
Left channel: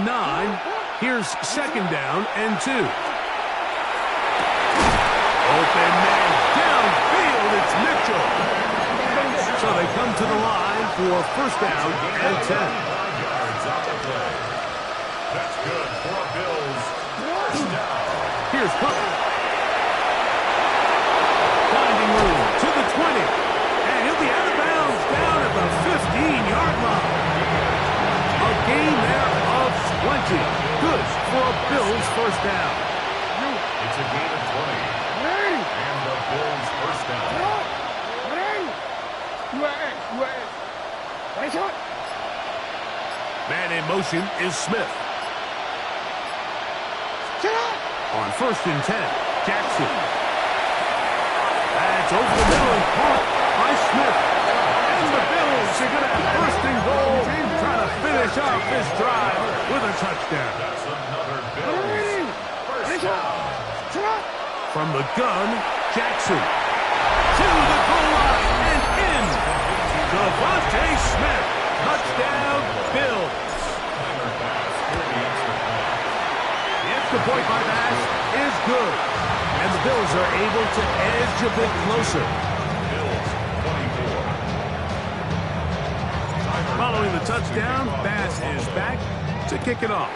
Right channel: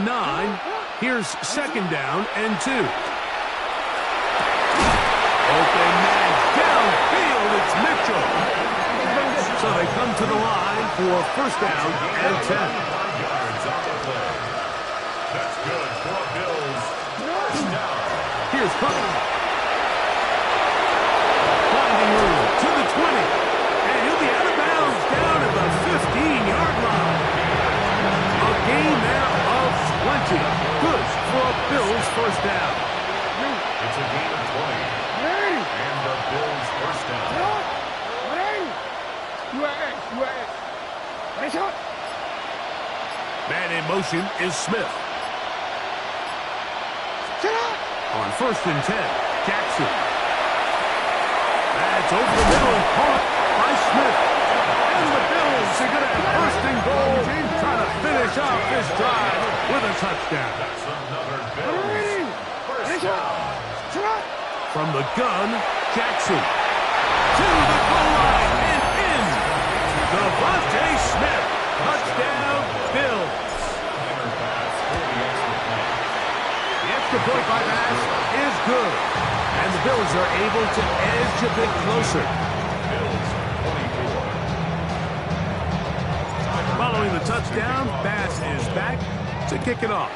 Here's second down and 2. Open man downfield, it's Mitchell. So they come to the line for first down and 10. 5 yards on the play. That's good for a Bills first down. Here's Cutler. Finding room to the 20. And he'll be out of bounds down at the 15-yard line. A gain there of 20. Good for a Bills first down. It's a gain of 20. And the Bills first down. Man in motion is Smith. On first and 10, Jackson. It's over the middle and caught by Smith. And the Bills are going to have first and goal, trying to finish off this drive with a touchdown. That's another Bills first down. From the gun, Jackson. To the goal line and in. Devontae Smith. Touchdown, Bills. The extra point by Bass is good. And the Bills are able to edge a bit closer. Bills 24. Following the touchdown, Bass is back to kick it off.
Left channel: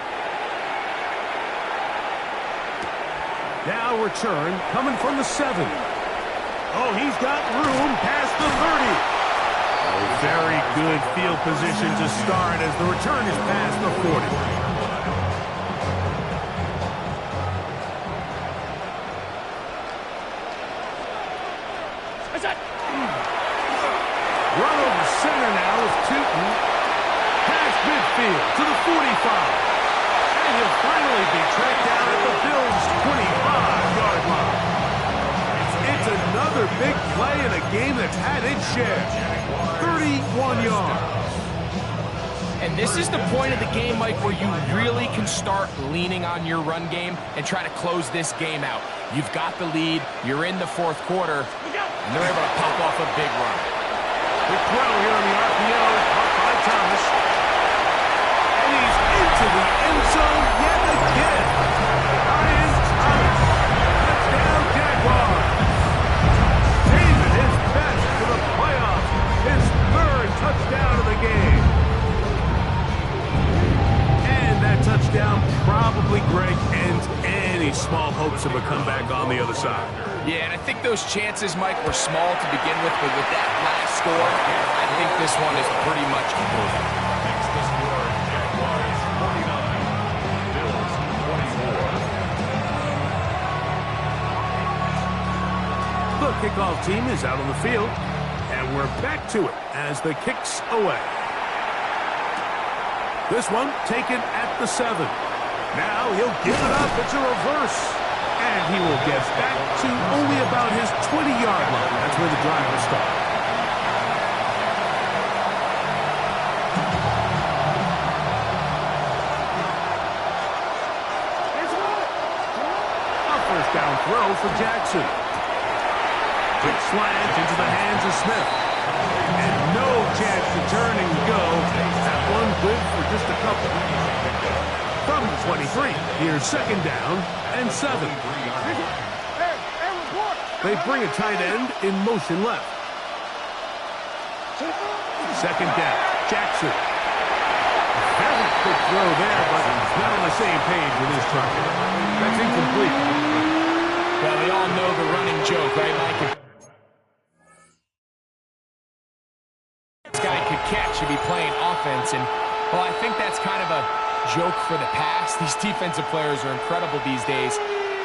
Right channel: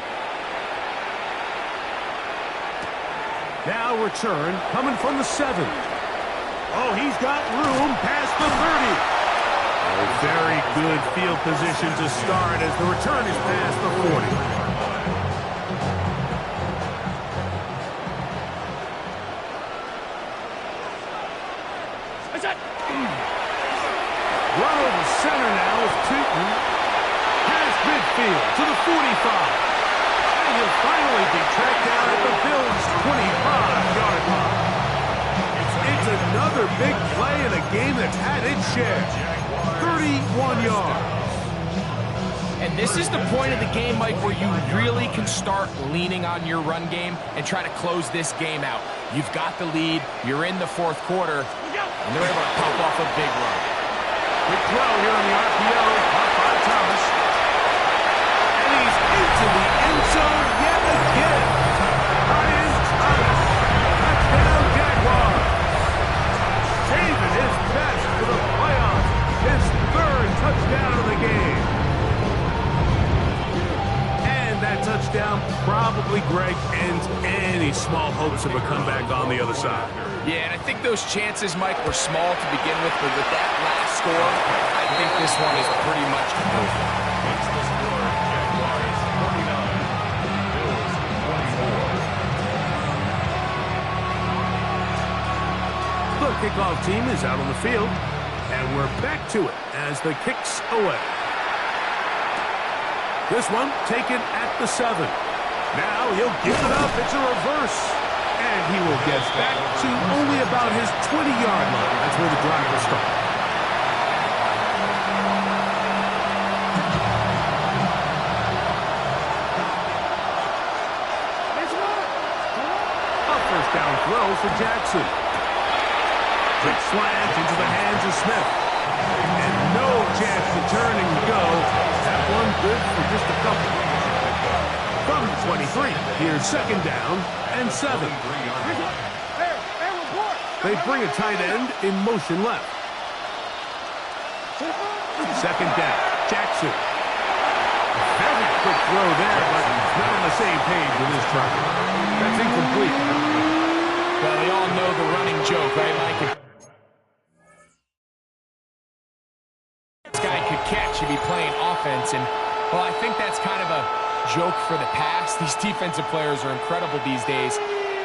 Now return coming from the 7. Oh, he's got room past the 30. Oh, very good field position to start as the return is past the 40. Run over center now with Tootin. Past midfield to the 45. And he'll finally be tracked down at the Bills' 25-yard line. It's another big play in a game that's had its share. 31 yards. And this is the point of the game, Mike, where you really can start leaning on your run game and try to close this game out. You've got the lead, you're in the fourth quarter, and they're able to pop off a big run. Quick throw here on the RPO, caught by Thomas. And he's into the end zone yet again. Ryan Thomas. Touchdown, Jaguars. Saving his best for the playoffs. His third touchdown of the game. And that touchdown probably, Greg, ends any small hopes of a comeback on the other side. Yeah, and I think those chances, Mike, were small to begin with, but with that last score, I think this one is pretty much over. Makes the score Jaguars 49, Bills 24. The kickoff team is out on the field, and we're back to it as the kick's away. This one taken at the 7. Now he'll give it up. It's a reverse. And he will get back to only about his 20-yard line. That's where the drive will start. A first down throw for Jackson. Quick slant into the hands of Smith. And no chance to turn and go. That one good for just a couple. From the 23, here's second down and 7. They bring a tight end in motion left. Second down, Jackson. Very quick throw there, but not on the same page with his target. That's incomplete. Well, they all know the running joke, right, Mike? If this guy could catch, he'd be playing offense, and, well, I think that's kind of a joke for the past. These defensive players are incredible these days.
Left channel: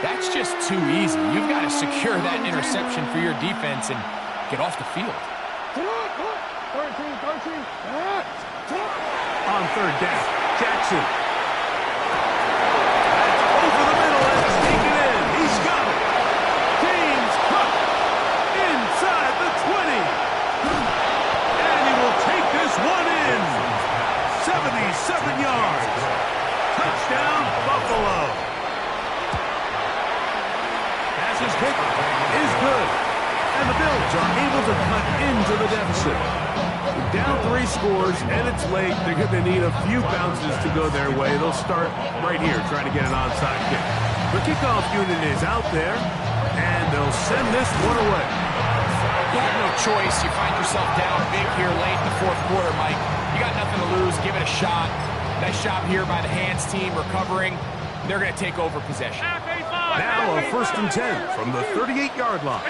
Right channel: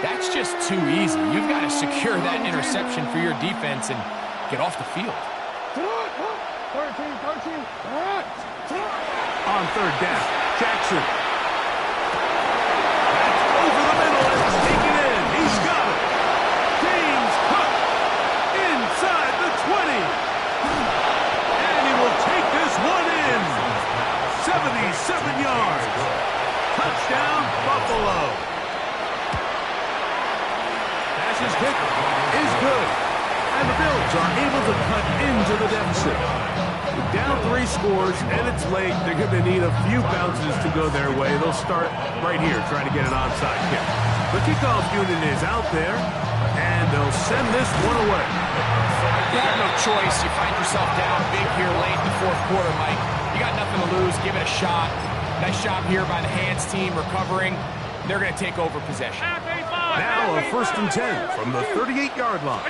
That's just too easy. You've got to secure that interception for your defense and get off the field. 13. On third down, Jackson. That's over the middle and taken in. He's got it. James Cook inside the 20. And he will take this one in. 77 yards. Touchdown, Buffalo. Pass's kick is good. And the Bills are able to cut into the deficit. With down 3 scores and it's late, they're going to need a few bounces to go their way. They'll start right here trying to get an onside kick. The kickoff unit is out there, and they'll send this one away. You have no choice. You find yourself down big here late in the fourth quarter, Mike. You got nothing to lose. Give it a shot. Nice job here by the hands team recovering. They're going to take over possession. Now a first and 10 from the 38-yard line.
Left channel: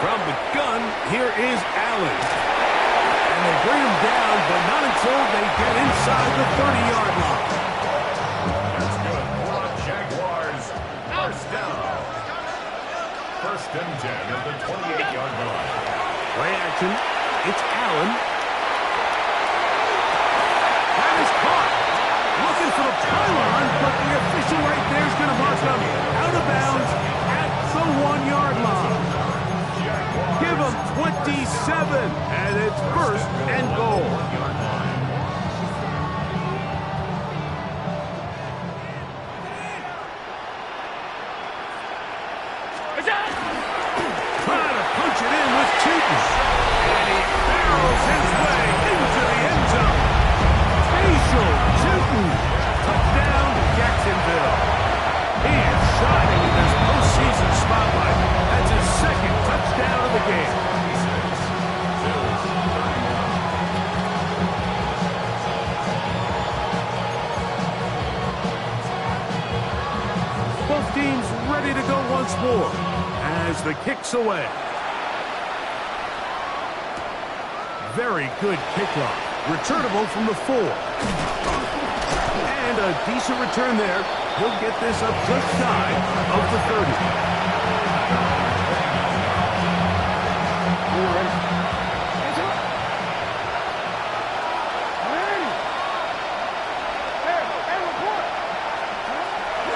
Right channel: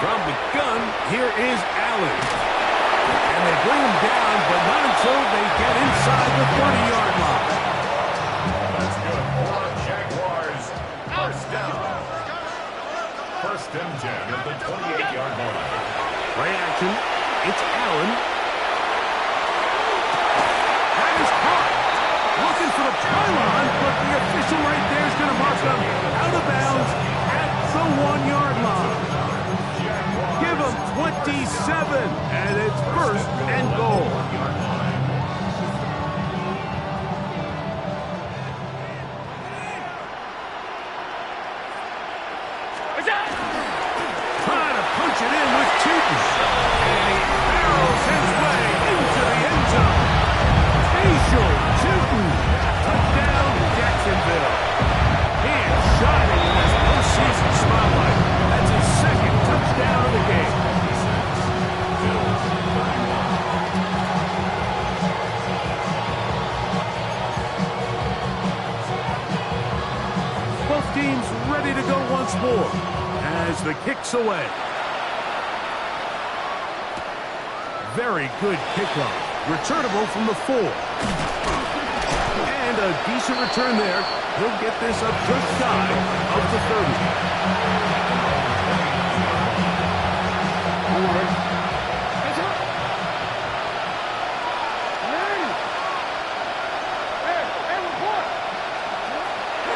From the gun, here is Allen. And they bring him down, but not until they get inside the 30-yard line. That's good for the Jaguars. First down. First and 10 at the 28-yard line. Play action. It's Allen. That is caught. Looking for the pylon, but the official right there is going to mark him out of bounds at the 1-yard line. from 27, and it's first and goal. Trying to punch it in with Tootin, and he barrels his way into the end zone. Facial Tootin, touchdown Jacksonville. He is shining in this postseason spotlight. That's his second touchdown of the game. Bills 31. Both teams ready to go once more as the kick's away. Very good kickoff. Returnable from the 4. And a decent return there. He'll get this up just shy of the 30.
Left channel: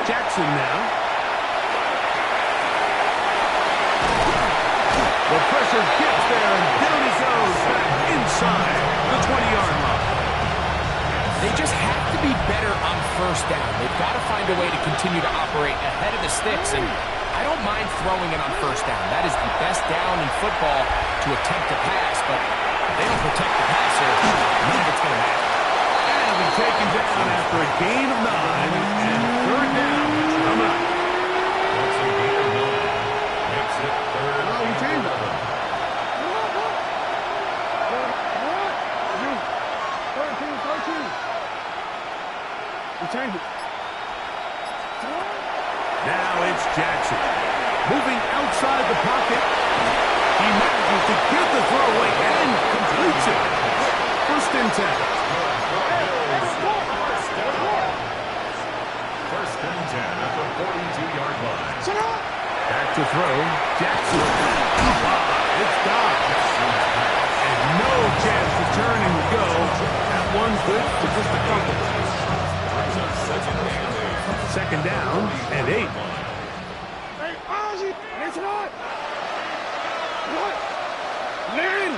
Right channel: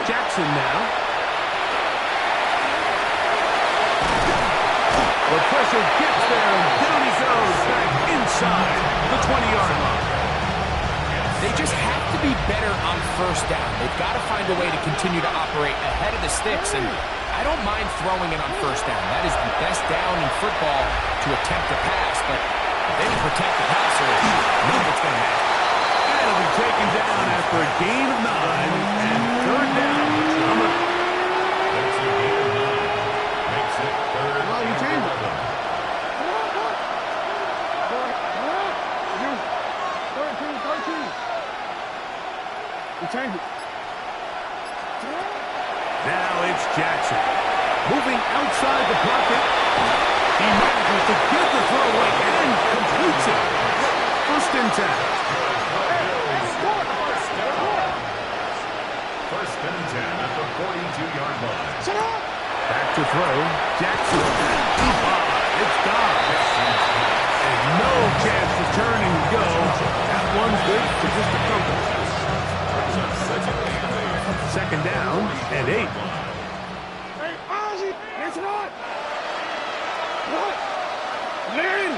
Jackson now. The pressure gets there, and down he goes back inside the 20-yard line. They just have to be better on first down. They've got to find a way to continue to operate ahead of the sticks, and I don't mind throwing it on first down. That is the best down in football to attempt to pass, but if they don't protect the passer, none of it's going to matter. And it'll be taken down after a gain of 9, and third down coming up. That's a gain of 9. Makes it third and 11. Change it. Now it's Jackson. Moving outside the pocket. He manages to get the throw away and completes it. First and 10. First and 10 at the 42-yard line. Back to throw. Jackson. It's gone. And no chance to turn and go. That one's good for just a couple. Second down and 8. Hey, Ozzy, it's not. What? Larry.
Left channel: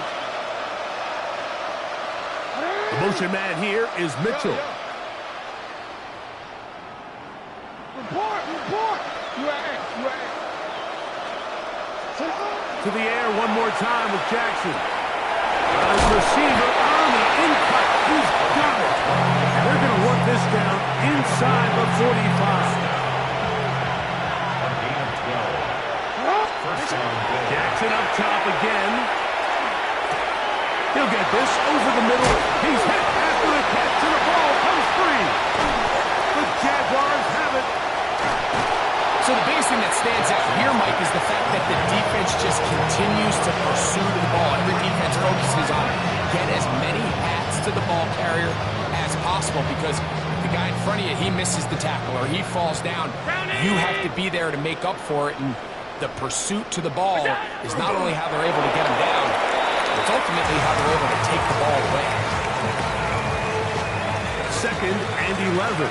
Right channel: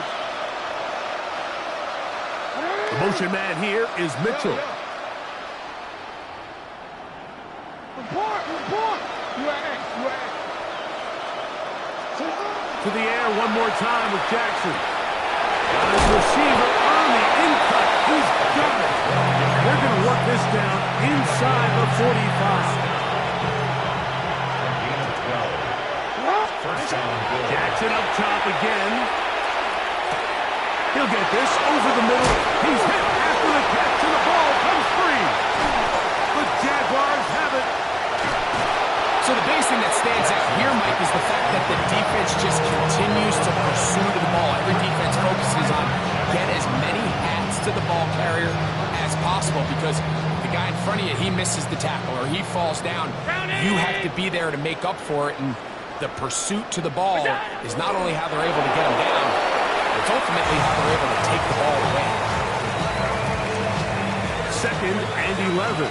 The motion man here is Mitchell. Report. You at To the air one more time with Jackson. Got his receiver on the in-cut. He's got it. And they're going to work this down inside the 45. A gain of 12. First down, Bills. Jackson up top again. He'll get this over the middle. He's hit after the catch, and the ball comes free. The Jaguars have it. So the biggest thing that stands out here, Mike, is the fact that the defense just continues to pursue to the ball. Every defense focuses on get as many hats to the ball carrier as possible, because if the guy in front of you, he misses the tackle or he falls down, you have to be there to make up for it. And the pursuit to the ball is not only how they're able to get him down, it's ultimately how they're able to take the ball away. Second and 11.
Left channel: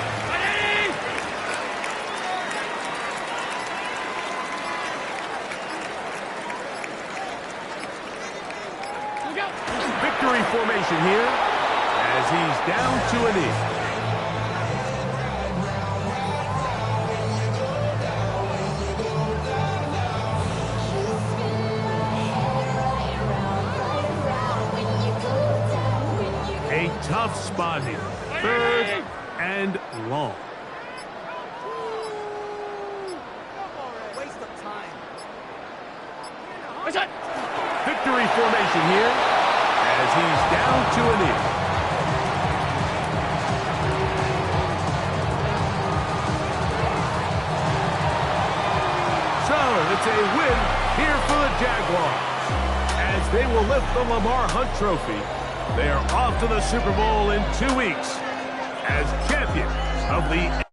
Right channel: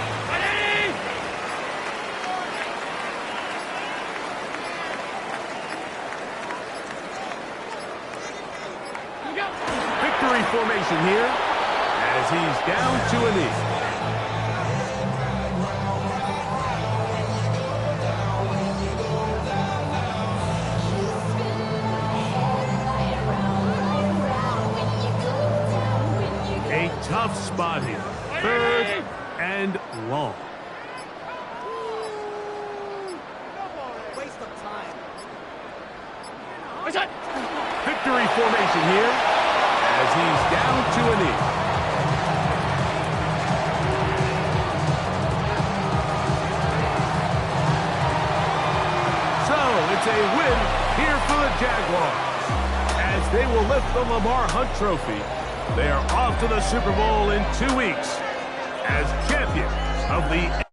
Victory formation here as he's down to a knee. A tough spot here. Third and long. Waste of time. Victory formation here as he's down to a knee. So it's a win here for the Jaguars as they will lift the Lamar Hunt Trophy. They are off to the Super Bowl in 2 weeks as champions of the